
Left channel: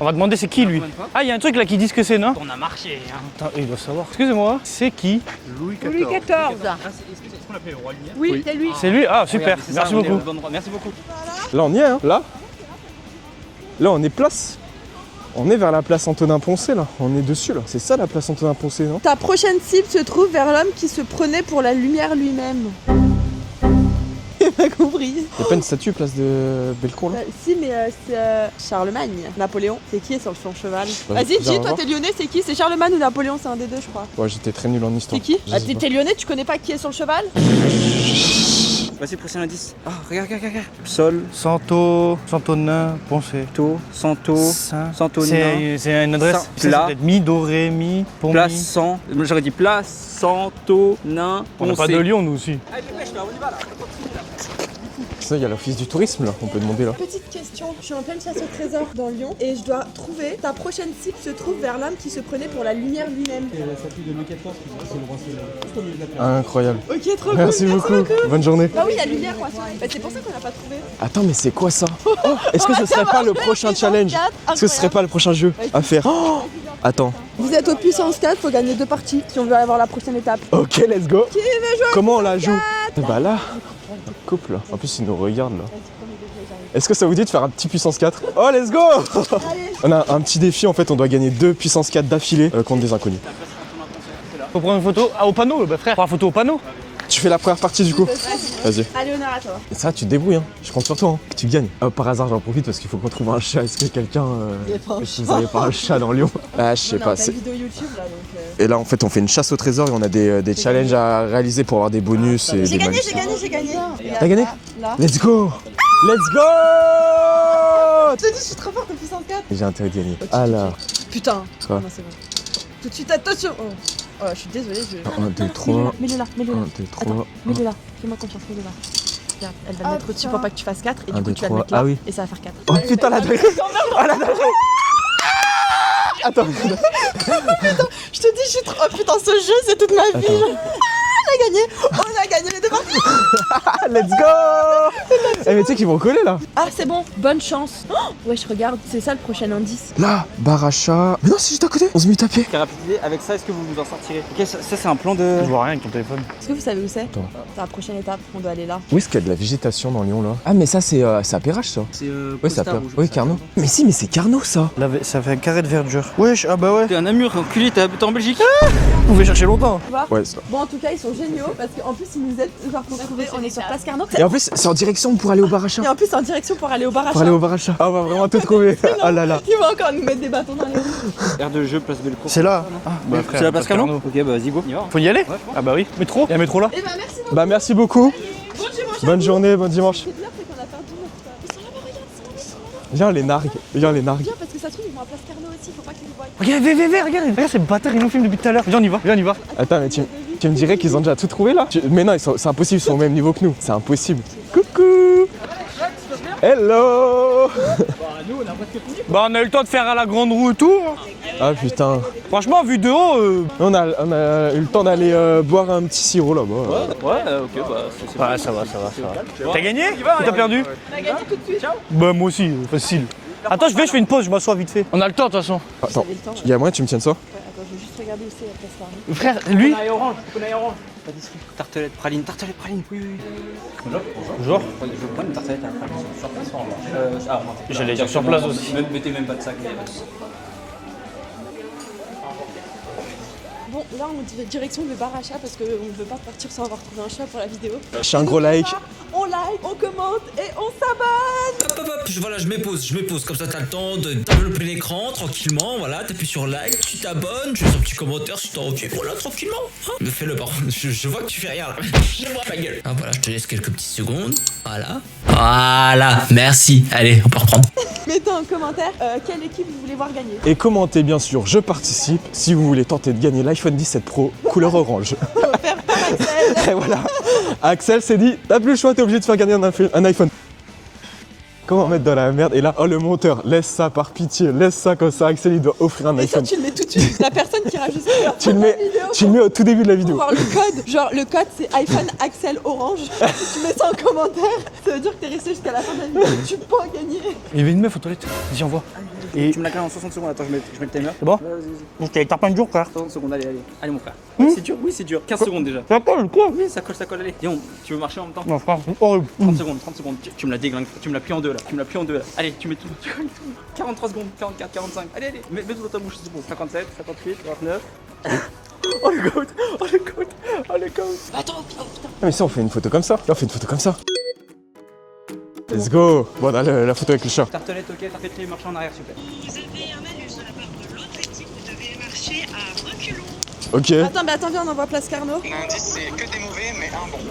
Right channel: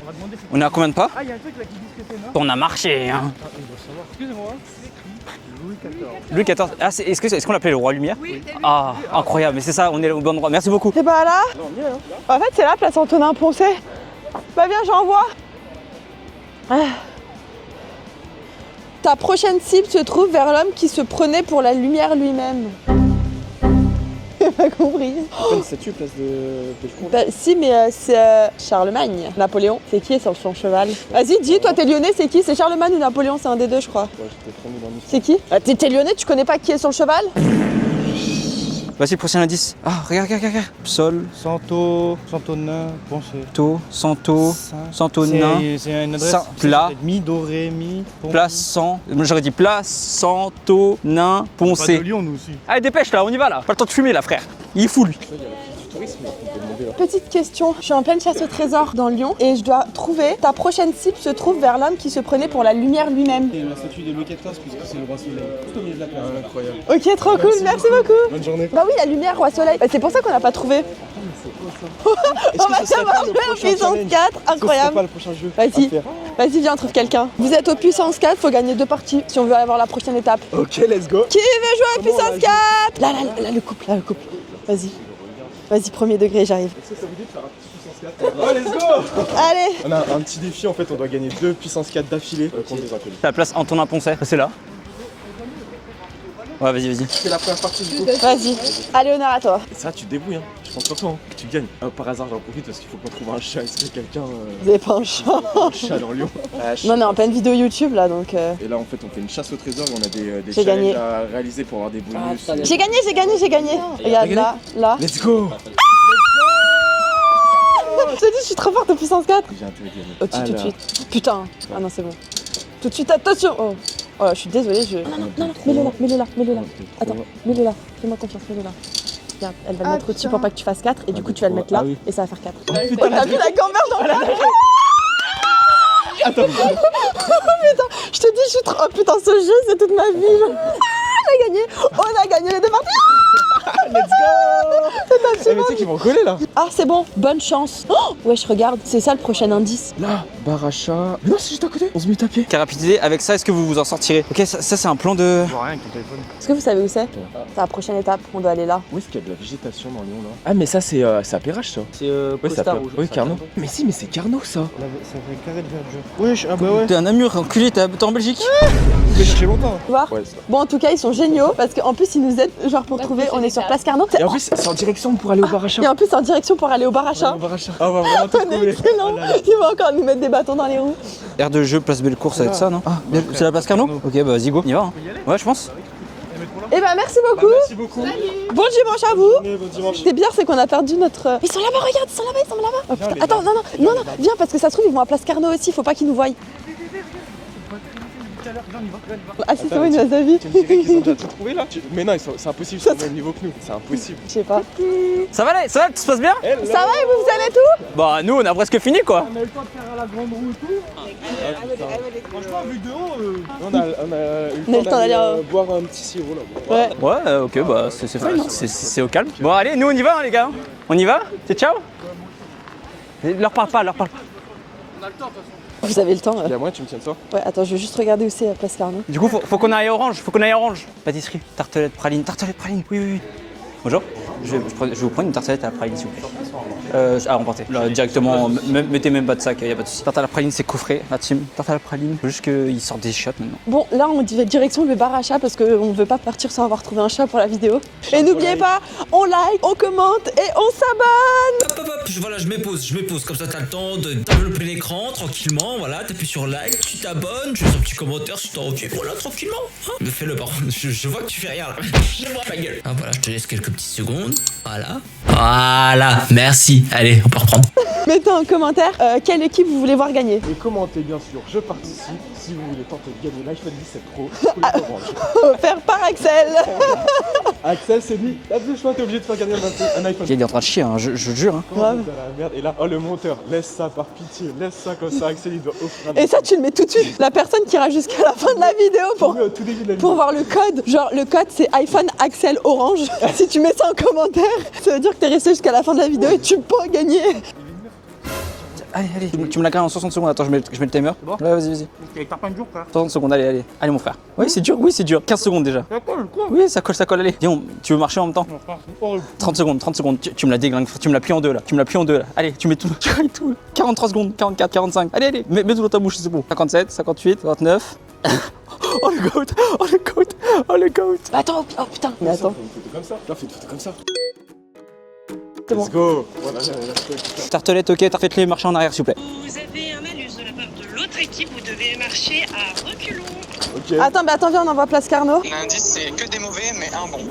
On va demander c'est qui On est à lui. combien de pas? Ah, il y a un truc là qui dit ce que c'est, non? On a marché, hein. Attends, il doit savoir. Excusez-moi, c'est qui? Louis XIV. Ah, est-ce qu'on l'appelait le roi lumière? Oui, c'est lui. Ah, C'est lui? Ah, incroyable, super. mais c'est ça, Merci on est au beaucoup. bon endroit. Merci beaucoup. Et bah là, Là on y est, hein. Là, en fait, c'est là, place Antonin Poncé. là on est place. Bah viens, j'envoie. On est vers la place Antonin Poncé là. On est dessus là. C'est ça la place Antonin Poncé, non? Ta prochaine cible se trouve vers l'homme qui se prenait pour la lumière lui-même. J'ai pas compris. Y'a pas une statue place de Bellecour là? Bah, si, mais c'est Charlemagne. Napoléon, c'est qui sur son cheval? Ouais, Vas-y, viens dis, toi voir. t'es lyonnais, c'est qui? C'est Charlemagne ou Napoléon? C'est un des deux, je crois. Ouais, j'étais très nul en histoire. C'est qui? Je sais pas. T'es lyonnais, tu connais pas qui est sur le cheval? Voici, prochain indice. Ah, regarde. Sol, Santonin, Poncé. Santo, Santonin. C'est une adresse. Saint- C'est Plat. peut-être mi, do, ré, mi, pont, Place mi. San. J'aurais dit place Santonin On n'a pas de Poncé. Lyon, nous aussi. Allez, dépêche là, on y va là. Pas le temps de fumer là, frère. Il est full. Ça, il y a l'office du tourisme là, on peut demander là. Petite question, je suis en pleine chasse au trésor dans Lyon et je dois trouver, ta prochaine cible se trouve vers l'homme qui se prenait pour la lumière lui-même. La statue de Louis XIV, puisque c'est le roi soleil. Incroyable. Ok, trop cool, merci beaucoup. Bonne journée. Bah oui, la lumière, roi soleil. Bah, c'est pour ça qu'on n'a pas trouvé. Attends, mais c'est quoi ça? Est-ce que ce serait pas le prochain Puissance challenge? 4, Est-ce que ce serait incroyable. pas le prochain jeu Vas-y. à faire? Vas-y, viens, trouve Attends. quelqu'un. Vous êtes au puissance 4, faut gagner 2 parties si on veut avoir la prochaine étape. Ok, let's go. Qui veut jouer Comment au on la puissance joue? 4? Bah là. Là, le couple, là, le couple. Couple là. En Vas-y. plus, ils nous regardent là. Vas-y, premier degré, j'arrive. Est-ce que ça vous dit de faire un petit puissance 4? Oh, let's go! Allez. On a un petit défi en fait, on doit gagner 2 puissance 4 d'affilée contre des inconnus. La place Antonin Poncé. C'est là. Faut prendre une photo. Ah, au panneau, bah frère. Prends une photo au panneau. Ouais, vas-y. Tu fais la première partie du coup? Vas-y. Vas-y. Allez, honneur à toi. Et ça, tu te débrouilles, hein. Je compte sur toi, hein. Tu gagnes. Par hasard, j'en profite parce qu'il faut qu'on trouve un chat. Est-ce que quelqu'un. Vous avez pas un Vous avez pas un chat dans Lyon? Ah, je sais Non, mais en pas. pleine vidéo YouTube là donc. Et là, en fait, on fait une chasse au trésor et on a des J'ai challenges gagné. à réaliser pour avoir des bonus. et J'ai des gagné, malus. j'ai gagné. Regarde, T'as gagné là. Let's go! Let's go! Je te dis, je suis trop forte au puissance 4. J'ai intérêt d'y gagner. Ok, tout de suite. Putain. Oh non, c'est bon. Tout de suite, attention. Oh, je suis désolée, je. Mets-le là. Attends, mets-le là. Fais-moi confiance, mets-le là. Regarde, elle va le mettre au-dessus pour pas que tu fasses 4 et du coup tu vas le mettre là et ça va faire 4. Oh putain, la Attends, putain, je te dis, je suis trop. Oh putain, ce jeu, c'est toute ma vie. On a gagné les départements. Let's go. Eh mais tu sais qu'ils vont coller là. Ah c'est bon, bonne chance. Oh, ouais je regarde, c'est ça le prochain indice. Là, bar achat. Mais non, c'est juste à côté. 11 minutes à pied. Quelle rapidité, avec ça, est-ce que vous vous en sortirez? Ok, ça c'est un plan de. Je vois rien avec ton téléphone. Est-ce que vous savez où c'est? C'est la prochaine étape, on doit aller là. Où est-ce qu'il y a de la végétation dans Lyon là? Ah mais ça c'est à Perrache ça. C'est Ouais ça peut. Oui Carnot. Mais si mais c'est Carnot ça. Là, ça fait un carré de verdure. Wesh, ah bah ouais. T'es un Namur, enculé, t'es en Belgique. On va chercher longtemps. Tu vois? Ouais ça. Bon en tout cas ils sont géniaux parce qu'en plus ils nous aident genre pour trouver, on est sur Place Carnot. Et en plus c'est en direction pour aller au bar achat. Et en plus c'est en direction pour aller au bar Pour aller achat. au bar achat. Ah on va vraiment tout trouver. Ah là là. Il va encore nous mettre des bâtons dans les roues. Aire de jeu, place Bellecour, C'est c'est là. ça, non? Ouais, C'est la place Carnot? Carnot. Ok, bah vas-y, go. On y va. Faut y aller? Ouais, je pense. Ah bah oui. Métro? Il y a un métro là? Et bah merci beaucoup. Bah merci beaucoup. Bon dimanche à Bonne vous. journée, bon dimanche. Ce qui est bien c'est qu'on a perdu notre... Ils sont là-bas, regarde, ils sont là-bas, ils sont là-bas. Viens les Attends, nards. non, Viens les non, nards. viens parce que ça se trouve ils vont à Place Carnot aussi, faut pas qu'ils nous voient. Regarde, regarde, ces bâtards, ils nous filment depuis tout à l'heure. Viens, on y va, viens, on y va. Ah c'est Attends, pas une tu- Azavi. Tu me dirais qu'ils ont déjà tout trouvé là? Mais non, c'est impossible, ils sont au même niveau que nous. C'est impossible. Je sais pas. Ça va, tout se passe bien? Hello. Bah, nous, on a presque fini, quoi. On a eu le temps de faire à la grande roue et tout. Ah putain. Franchement, vu de haut, On a eu le temps d'aller boire un petit sirop là-bas. Ouais, ok, bah, c'est Ouais, fine, ça va, c'est au calme. Bon, T'as allez, gagné nous, on y va, T'as les gars. perdu On y va? C'est ciao? bah moi aussi, facile. Leur Attends, parle pas, je fais une pause, je m'assois vite fait. On a le temps de toute façon. Vous avez le temps. Il y a moyen que tu me tiennes ça? Ouais, attends, je vais juste regarder où c'est Place Carnot. Du coup, faut qu'on aille orange, Pâtisserie, tartelette, praline, oui. Bonjour. Bonjour. Je vais vous prendre une tartelette à la praline, s'il vous plaît. Ah, on partait. J'allais Directement, sur place aussi. mettez même pas de sac, y a pas de soucis. Tarte à la praline, c'est coffret, la team. Tarte à la praline, juste qu'ils sortent des chiottes. Bon, là on dit direction le bar à chat parce qu'on veut pas partir sans avoir trouvé un chat pour la vidéo. Un Et gros n'oubliez like. pas, on like, on commente et on s'abonne. Hop hop hop, voilà, je m'épose, comme ça t'as le temps de développer l'écran tranquillement, voilà, t'appuies sur like, tu t'abonnes, tu fais un petit commentaire si t'as envie, voilà, tranquillement. Hein. Mais fais-le par contre, je vois que tu fais rien là, je vois ma gueule. Ah voilà, je te laisse quelques petites secondes, voilà, merci, allez, on peut reprendre. Mettez en commentaire quelle équipe vous voulez voir gagner. Et commentez bien sûr, je participe si vous voulez tenter de gagner l'iPhone 17 Pro couleur orange. Par Axel. Et voilà. Axel s'est dit, t'as plus le choix, t'es obligé de faire gagner un iPhone. Il est en train de chier, hein, je jure. Hein. Comment mettre dans la merde? Et là, oh le monteur, laisse ça par pitié, laisse ça comme ça, Axel il doit offrir un Et ça iPhone. tu le mets tout de suite. La personne qui ira jusqu'à la fin de la vidéo Tu le mets au tout début de la pour vidéo. voir le code. Genre le code c'est iPhone Axel Orange. Si tu mets ça en commentaire, ça veut dire que t'es resté jusqu'à la fin de la vidéo et tu peux gagner. Il y avait une meuf aux toilettes. Vas-y, on voit. Allez, tu me la cales en 60 secondes, attends, je mets le timer. C'est bon? Ouais, vas-y. T'as pas une jour, frère. 60 secondes, allez. Allez, mon frère. Oui, c'est dur, 15 secondes déjà. Ça colle, quoi? Oui, ça colle, allez. Dis donc, tu veux marcher en même temps? Non, frère, horrible. 30 secondes, tu me la déglingues, tu me la plies en deux là. Allez, tu mets tout, tu railles tout. 43 secondes, 44, 45. Allez, mets tout dans ta bouche, c'est bon. 57, 58, 59. Oh le goat. Attends, oh putain. Mais si on fait une photo comme ça, là, on fait une photo comme ça. Let's go. Bon, là, la photo avec le chat. Tartelette, ok, faites-les marcher en arrière s'il vous plaît. Vous avez un malus de la part de l'autre équipe, vous devez marcher à reculons. Ok. Attends, mais attends, viens, on envoie Place Carnot. L'indice, c'est que des mauvais, mais un bon.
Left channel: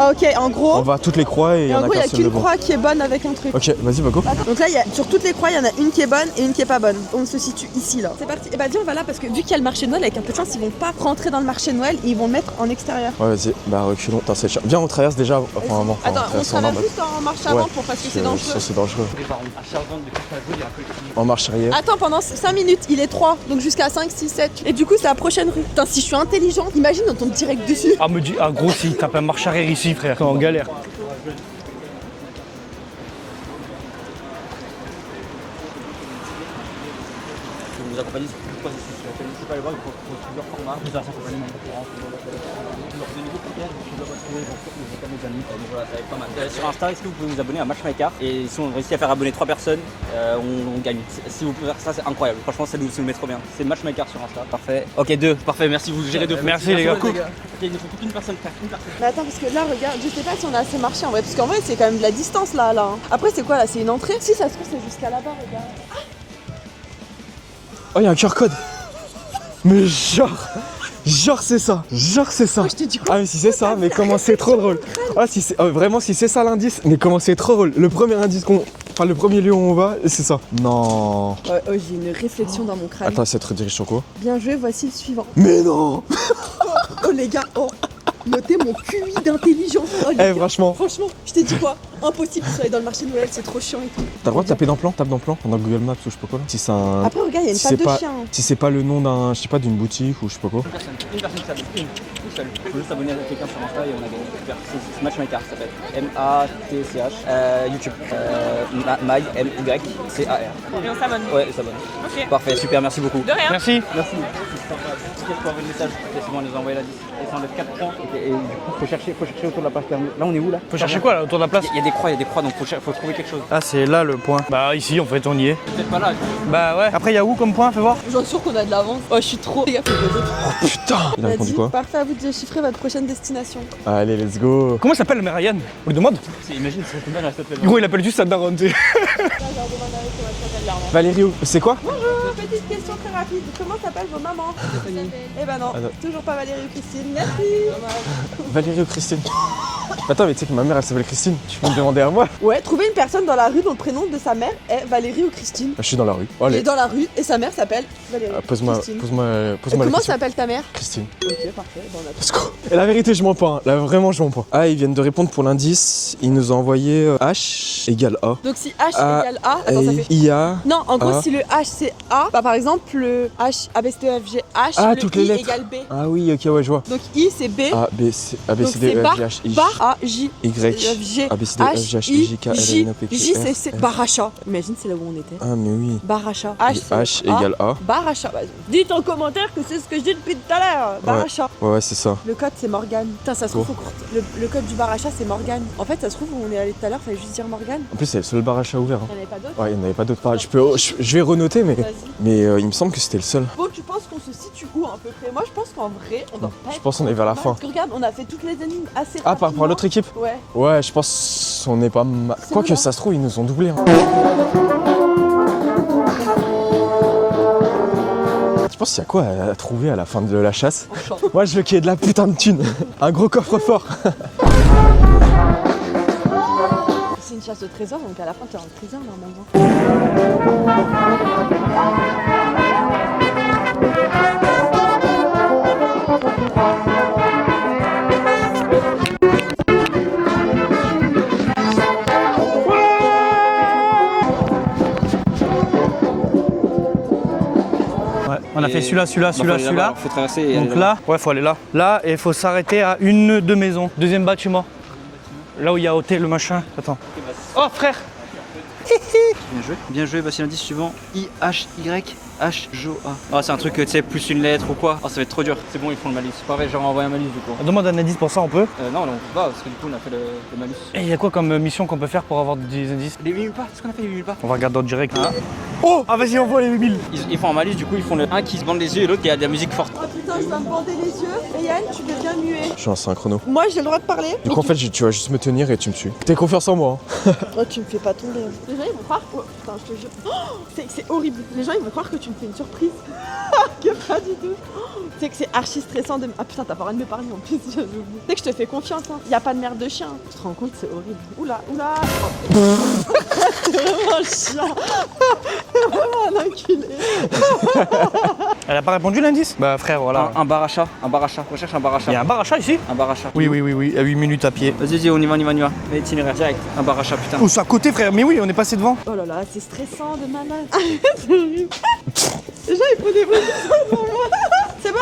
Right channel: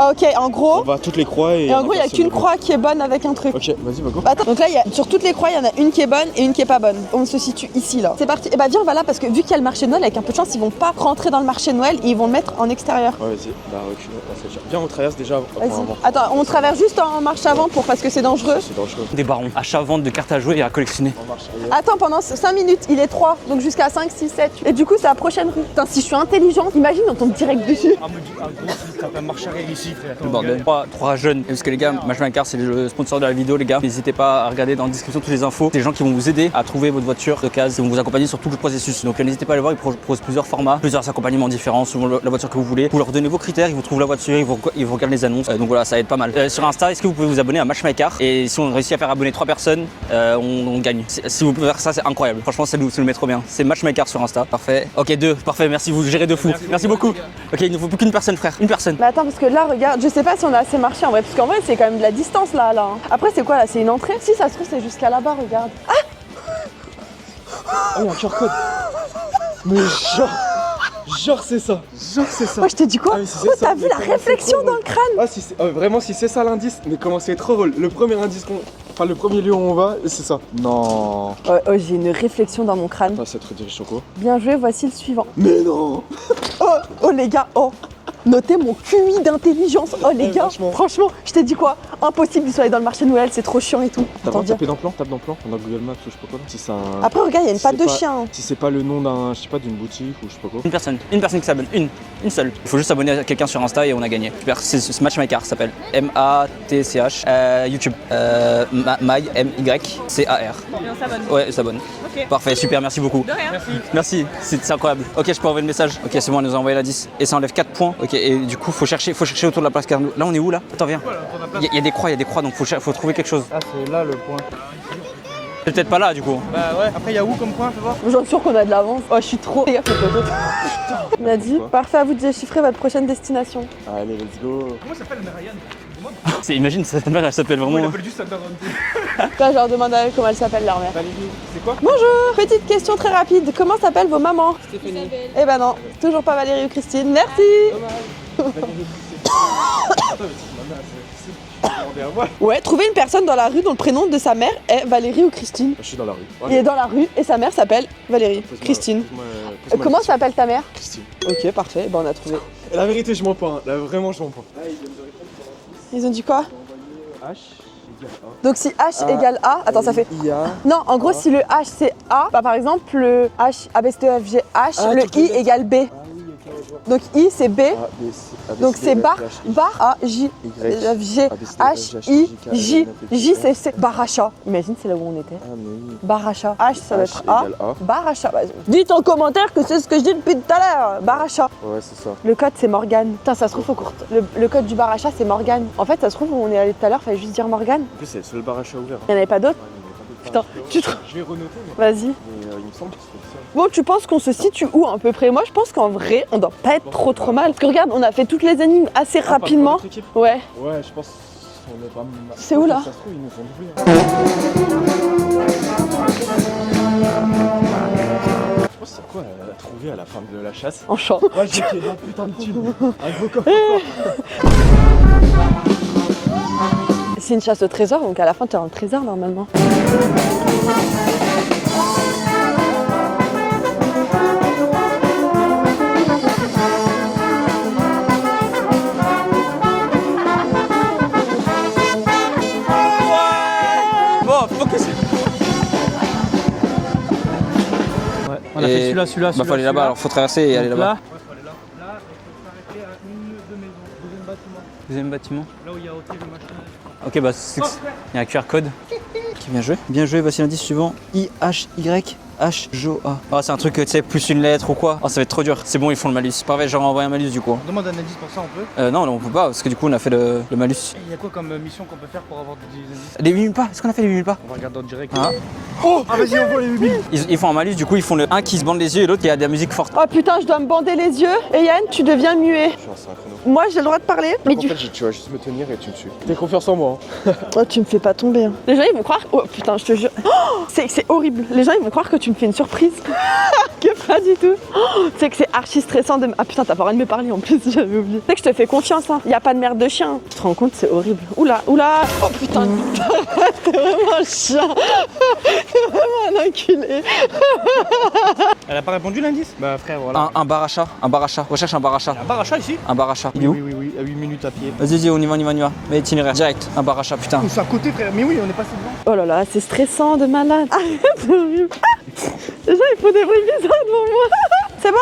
Ah, ok, en gros. On va à toutes les croix et Et en gros, il n'y a qu'un seul qu'une de bon. croix qui est bonne avec un truc. Ok, vas-y, bah go. Attends, donc là, sur toutes les croix, il y en a une qui est bonne et une qui est pas bonne. On se situe ici, là. C'est parti. Et bah, viens, on va là parce que vu qu'il y a le marché de Noël, avec un peu de chance, ils vont pas rentrer dans le marché de Noël et ils vont le mettre en extérieur. Ouais, vas-y. Bah, reculons. Attends, c'est cher. Viens, on traverse déjà. Attends, on traverse juste en marche avant parce que c'est dangereux. C'est dangereux. Des barons. Achat-vente de cartes à jouer et à collectionner. En marche arrière. Attends, pendant 5 minutes, il est 3, donc jusqu'à 5, 6, 7. Et du coup, c'est la prochaine rue. Putain, si je suis intelligente, imagine, on tombe direct dessus. Ah, me dis, ah, gros, si t'as pas marche arrière ici, frère. Quand on Bande de galère. trois jeunes. Parce que les gars, Matchmaker, c'est le sponsor de la vidéo, les gars. N'hésitez pas à regarder dans la description toutes les infos. Des gens qui vont vous aider à trouver votre voiture d'occasion, qui vont vous accompagner sur tout le processus. Donc n'hésitez pas à les voir, ils proposent plusieurs formats, plusieurs accompagnements différents selon la voiture que vous voulez. Vous leur donnez vos critères, ils vous trouvent la voiture, ils vous regardent les annonces. Donc voilà, ça aide pas mal. Sur Insta, est-ce que vous pouvez vous abonner à Matchmaker? Et si on réussit à faire abonner 3 personnes, on gagne. Si vous pouvez faire ça, c'est incroyable. Franchement, ça nous met trop bien. C'est Matchmaker sur Insta. Parfait. Ok, 2. Parfait, merci, vous gérez de fou. Merci, les gars, beaucoup. les gars. Ok, il ne faut plus qu'une personne, frère. Une personne. Mais attends, parce que là, regarde, je sais pas si on a assez marché en vrai, parce qu'en vrai, c'est quand même de la distance là. Après, c'est quoi là? C'est une entrée? Si ça se trouve, c'est jusqu'à là-bas, regarde. Ah, Oh, il y a un QR code. Mais genre c'est ça. moi je t'ai dit quoi? Ah mais si c'est ça, mais comment c'est trop drôle. crâne. Ah si c'est vraiment si c'est ça l'indice, mais comment c'est trop drôle. Le premier indice le premier lieu où on va, c'est ça. Non. Ouais, j'ai une réflexion dans mon crâne. Attends, c'est trop dirige Choco. Bien joué, voici le suivant. Mais non. Oh les gars, oh, notez mon QI d'intelligence. Oh les gars, franchement. je t'ai dit quoi? Impossible de aller dans le marché de Noël, c'est trop chiant et tout. T'as le droit de taper dans plan, tape dans plan. On a Google Maps ou je sais pas quoi. Si c'est un. Après, regarde, il y a une si patte c'est de pas- chien. Si c'est pas le nom d'un, je sais pas, d'une boutique ou je sais pas quoi. Une personne qui s'appelle, une seule. Il faut juste s'abonner à quelqu'un sur Insta et on a gagné. Super, c'est ce Matchmaker, ça s'appelle M-A-T-C-H. YouTube, M-Y-C-A-R. Et on s'abonne. Ouais, elle s'abonne. Ok. Parfait, super, merci beaucoup. De rien. Merci. C'est incroyable. Ok, je peux envoyer le message. Ok, c'est bon, elle nous a envoyé la 10. Et ça enlève 4 points. Ok, et du coup, faut chercher autour de la place Carnot. Là, on est où là? Faut chercher quoi là, autour de la place? Il y a des croix, donc faut trouver quelque chose. Ah, c'est là le point. Bah, ici, en fait, on y est. C'est peut-être pas là, du coup. Bah, ouais. Après, il y a où comme point? Fais voir. Genre sûr qu'on a de l'avance. Oh, je suis trop. Les gars, faut que je- Putain. Il a dit, parfait, à vous de déchiffrer votre prochaine destination. Allez, let's go. Comment s'appelle le mère Ryan? On lui demande. Imagine, sa mère, elle s'appelle Gros, il appelle juste sa daronne. Là, je leur demande à eux comment elle s'appelle leur mère. Valérie, c'est quoi? Bonjour, petite question très rapide. Comment s'appellent vos mamans? Eh ben non, toujours pas Valérie ou Christine. Merci. Valérie ou Christine? Attends, mais tu sais que ma mère elle s'appelle Christine. Tu peux me demander à moi? Ouais, trouver une personne dans la rue dont le prénom de sa mère est Valérie ou Christine. Je suis dans la rue. Il est dans la rue et sa mère s'appelle Valérie. Pose-moi, Christine. pose-moi la Comment question. s'appelle ta mère? Christine. Ok, parfait. Bon, on a trouvé. Et la vérité, je mens pas. Hein. Là, vraiment, je mens pas. Ah, ils viennent de répondre pour l'indice. Ils ont dit Ils quoi? nous ont envoyé H égale A. Donc si H égale A, attends, ça fait. IA. Non, en gros, A. si le H c'est A, bah par exemple, le H, A, B, C, D, E, F, G, H, Ah, le toutes les I lettres. égale B. Ah oui, ok, ouais, je vois. Donc I c'est B, A, B, C, A, B, donc C, D, c'est E, F, bar, G, H, I, bar, A, J, Y, F, G, A, B, C, D, F, H, G, H, I, I, K, L, J, N, O, P, Q, J, R. c'est Baracha. Imagine, c'est là où on était. Ah, mais oui. Baracha. H, Et c'est H lettre égale A. Baracha. Vas-y. Dites en commentaire que c'est ce que je dis depuis tout à l'heure. Baracha. Ouais, c'est ça. Le code c'est Morgane. Putain, ça se trouve, le code du Baracha c'est Morgane. En fait, ça se trouve, où on est allé tout à l'heure, fallait juste dire Morgane. En plus, c'est le seul bar achat ouvert. Il n'y en avait pas d'autres. Ouais, il n'y en avait pas d'autres. Putain. Je vais renoter, mais. Vas-y. Mais il me semble que c'était le seul. Bon, tu penses qu'on se situe où à peu près? Moi, je pense qu'en vrai, on doit pas être pense qu'on trop est vers trop la mal. fin. Parce que regarde, on a fait toutes les énigmes assez Ah, par rapport à rapidement. l'autre équipe? Ouais. Ouais, je pense qu'on est pas mal. C'est Quoi où, que là ça se trouve, ils nous ont doublé. Hein. Je pense qu'il y a quoi à trouver à la fin de la chasse? En champ. Moi, je veux qu'il y ait de la putain de thune. Un gros coffre-fort. C'est une chasse au trésor, donc à la fin, tu as un trésor normalement. Ouais, on a fait celui-là, celui-là. Faut traverser et aller Donc là, ouais, faut aller là. Là, et il faut s'arrêter à une de maisons. Deuxième bâtiment. Deuxième bâtiment. Là où il y a hôtel, le machin. Attends. Ok, bah c'est. Oh, frère! Il y a un QR code. Bien joué. Bien joué, voici l'indice suivant. I-H-Y-H-J-O-A. Oh, c'est un truc, tu sais, plus une lettre ou quoi. Oh, ça va être trop dur. C'est bon, ils font le malus. Parfait, j'ai renvoyé un malus du coup. Demande un indice pour ça, on peut. Non, on peut pas, parce que du coup, on a fait le malus. Et il y a quoi comme mission qu'on peut faire pour avoir des indices? Des 8000 pas. Est-ce qu'on a fait des 8000 pas? On va regarder en direct. Oh, Ah, vas-y, envoie les 8000. ils font un malus, du coup, ils font un qui se bande les yeux et l'autre qui a de la musique forte. Oh putain, je dois me bander les yeux. Et Yann, tu deviens muet. Je suis en synchrono. Moi, j'ai le droit de parler. Donc mais en fait, tu vas juste me tenir et tu me suis. T'as confiance en moi. Hein. Oh, tu me fais pas tomber. Hein. Les gens, ils vont croire. Oh putain, je te jure. Oh, c'est horrible. Les gens, ils vont croire que tu me fais une surprise. Que pas du tout. Oh, tu sais que c'est archi stressant de. Ah putain, t'as pas le droit de me parler en plus, j'avais oublié. Tu sais que je te fais confiance, hein. Y a pas de merde de chien. Tu te rends compte, c'est horrible. Oula, oula. Oh putain. C'est vraiment un chien. C'est vraiment un enculé. Elle a pas répondu l'indice? Bah, frère, voilà. Un bar achat. Un bar achat. Recherche un bar achat. Il y a un bar achat ici? Un bar achat. Oui, à 8 minutes à pied. Vas-y, on y va. Itinéraire direct. Un bar achat, putain. Oh, c'est à côté, frère. Mais oui, on est passé devant. Oh là là, c'est stressant de malade. Les gens, ils font des vrais messages pour moi. C'est bon?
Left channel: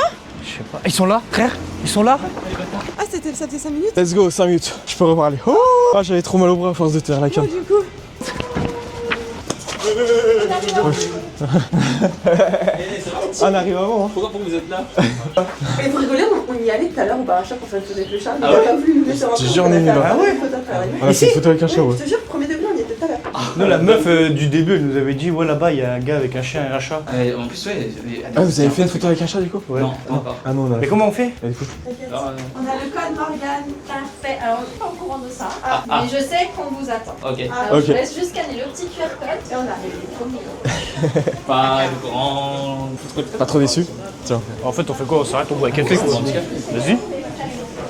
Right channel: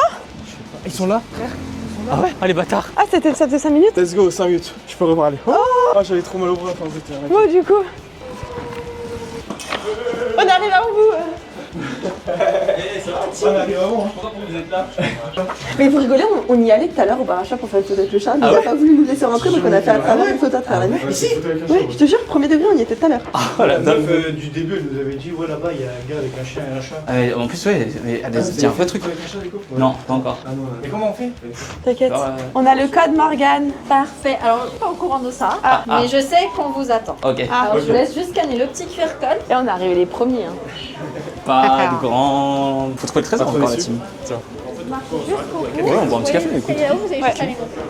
Je sais pas. Ils sont là, frère? Ils sont là? Allez, bâtard. Ah, ça faisait 5 minutes? Let's go, 5 minutes. Je peux reparler. Oh, j'avais trop mal au bras à force de tenir la Moi, canne. du coup. On arrive à bout. Ah, mais arrive avant. Mais vous rigolez, on y allait tout à l'heure au baracha pour faire le tour avec le chat. Mais on a pas voulu nous laisser rentrer, donc on a fait une photo à travers la nuit. On a fait une photo avec un chat, Je te jure, premier degré, on y était tout à l'heure. Ah, la meuf du début, elle nous avait dit, ouais, là-bas, il y a un gars avec un chien et un chat. En plus, ouais, mais Ah, vous avez fait un truc avec un chat du coup? Non, pas encore. Ah non, on a. Mais comment on fait? T'inquiète. On a le code Morgane. Parfait. Alors, je suis pas au courant de ça, mais je sais qu'on vous attend. Ok. Alors, Ok. je vous laisse juste scanner le petit QR code. Et on est arrivé les premiers. Hein. Pas grand. Faut trouver le trésor. trouvé encore, dessus là-dessus. Tiens. En fait, on fait quoi? On s'arrête, on boit un café. On prend un petit café. Vas-y. Ouais.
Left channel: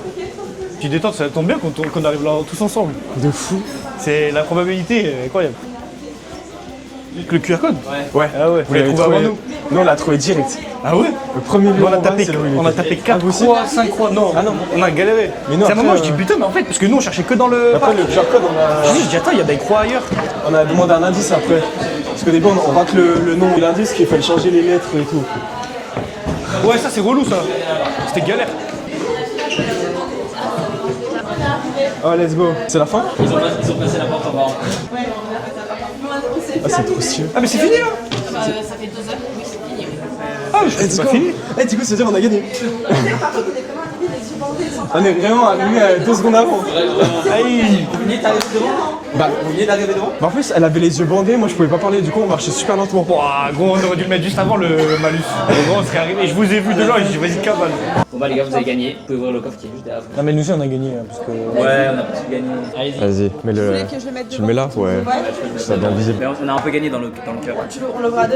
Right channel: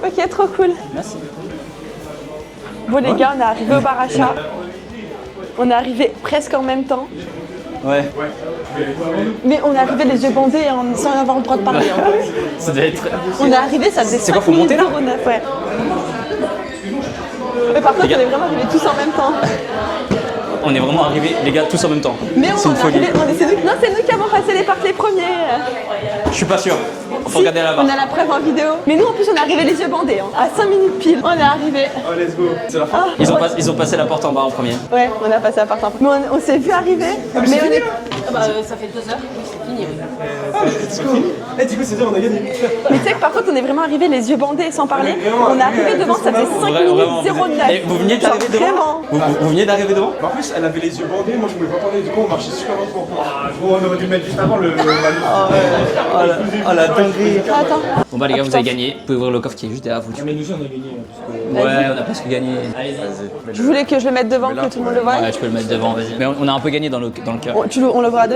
Ok, trop cool. Tu détends, ça tombe bien qu'on arrive là tous ensemble. Bon les gars, on est arrivé au bar C'est achat. la probabilité est incroyable. On est arrivé presque en même temps. Juste le QR code. Ouais. Ouais. Ah ouais. Vous l'avez trouvé avant nous. Mais on Nous, est on l'a arrivé trouvé les yeux direct. bandés Ah sans ouais avoir le droit de Premier, parler. On a tapé 4 ou 6. On est arrivé, ça fait 5 minutes. On a galéré. Ouais. Mais non, C'est un moment, après, je dis putain, mais en fait, parce que nous on cherchait que dans le. Par contre, Je dis attends, il y avait 3 ailleurs. on a On est vraiment arrivés, les gars, tous en même temps. Parce que les gens, c'est pas que le nom de l'indice c'est qui nous qui fait avons changer passé les les parties lettres et tout. premiers. Je suis pas sûr. Ouais, ça c'est relou ça. Regardez la On main. a la preuve en vidéo. Mais nous en plus on est arrivé les yeux bandés. À 5 minutes pile, on est arrivé. Oh, let's go. C'est la fin. Ils ont passé la porte en bas en premier. Ouais, on a passé à part Mais on s'est vu arriver. Ah, mais c'est fini là. Ça fait 2 heures, oui, c'est fini. C'est fini. Eh, du coup, c'est-à-dire on a gagné. Tu sais que par contre on est vraiment arrivé les yeux bandés sans parler. est vraiment on est arrivé arrivé à devant, 2 ça fait secondes 5 Vraiment. minutes, zéro Et gag. vous veniez d'arriver devant. Vraiment. Vous veniez d'arriver devant. Mais en plus, elle avait les yeux bandés, moi je pouvais pas parler, du coup on marchait super lentement. Ouah, gros, on aurait dû le mettre juste avant le malus. Je vous ai vu de loin, je dis vas-y, calme. Bon bah les gars, vous avez gagné. Vous pouvez ouvrir le coffre qui est juste derrière vous. Non, mais nous aussi on a gagné. Parce que... Ouais, on a presque gagné. Allez-y. Vas-y, mets Tu voulais que je le mette devant, mets là, que tout le monde ouais. le voie. Ouais, je peux le mettre devant. Mais on a un peu gagné dans le cœur. On le voit à deux.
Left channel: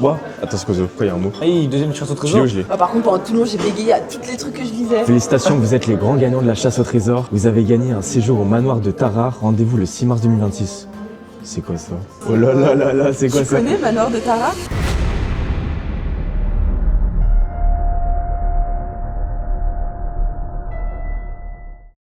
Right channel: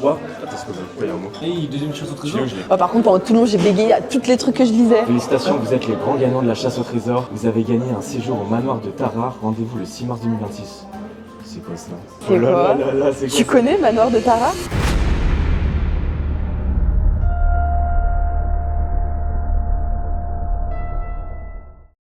Moi Attends, Scozo, pourquoi il y a un mot Hey, deuxième chasse au Je l'ai trésor. ou je l'ai Par contre, pendant tout le monde, j'ai bégayé à tous les trucs que je disais. Félicitations, vous êtes les grands gagnants de la chasse au trésor. Vous avez gagné un séjour au manoir de Tara. Rendez-vous le 6 mars 2026. C'est quoi ça? Oh là là là là, c'est quoi Tu ça? connais Manoir de Tara?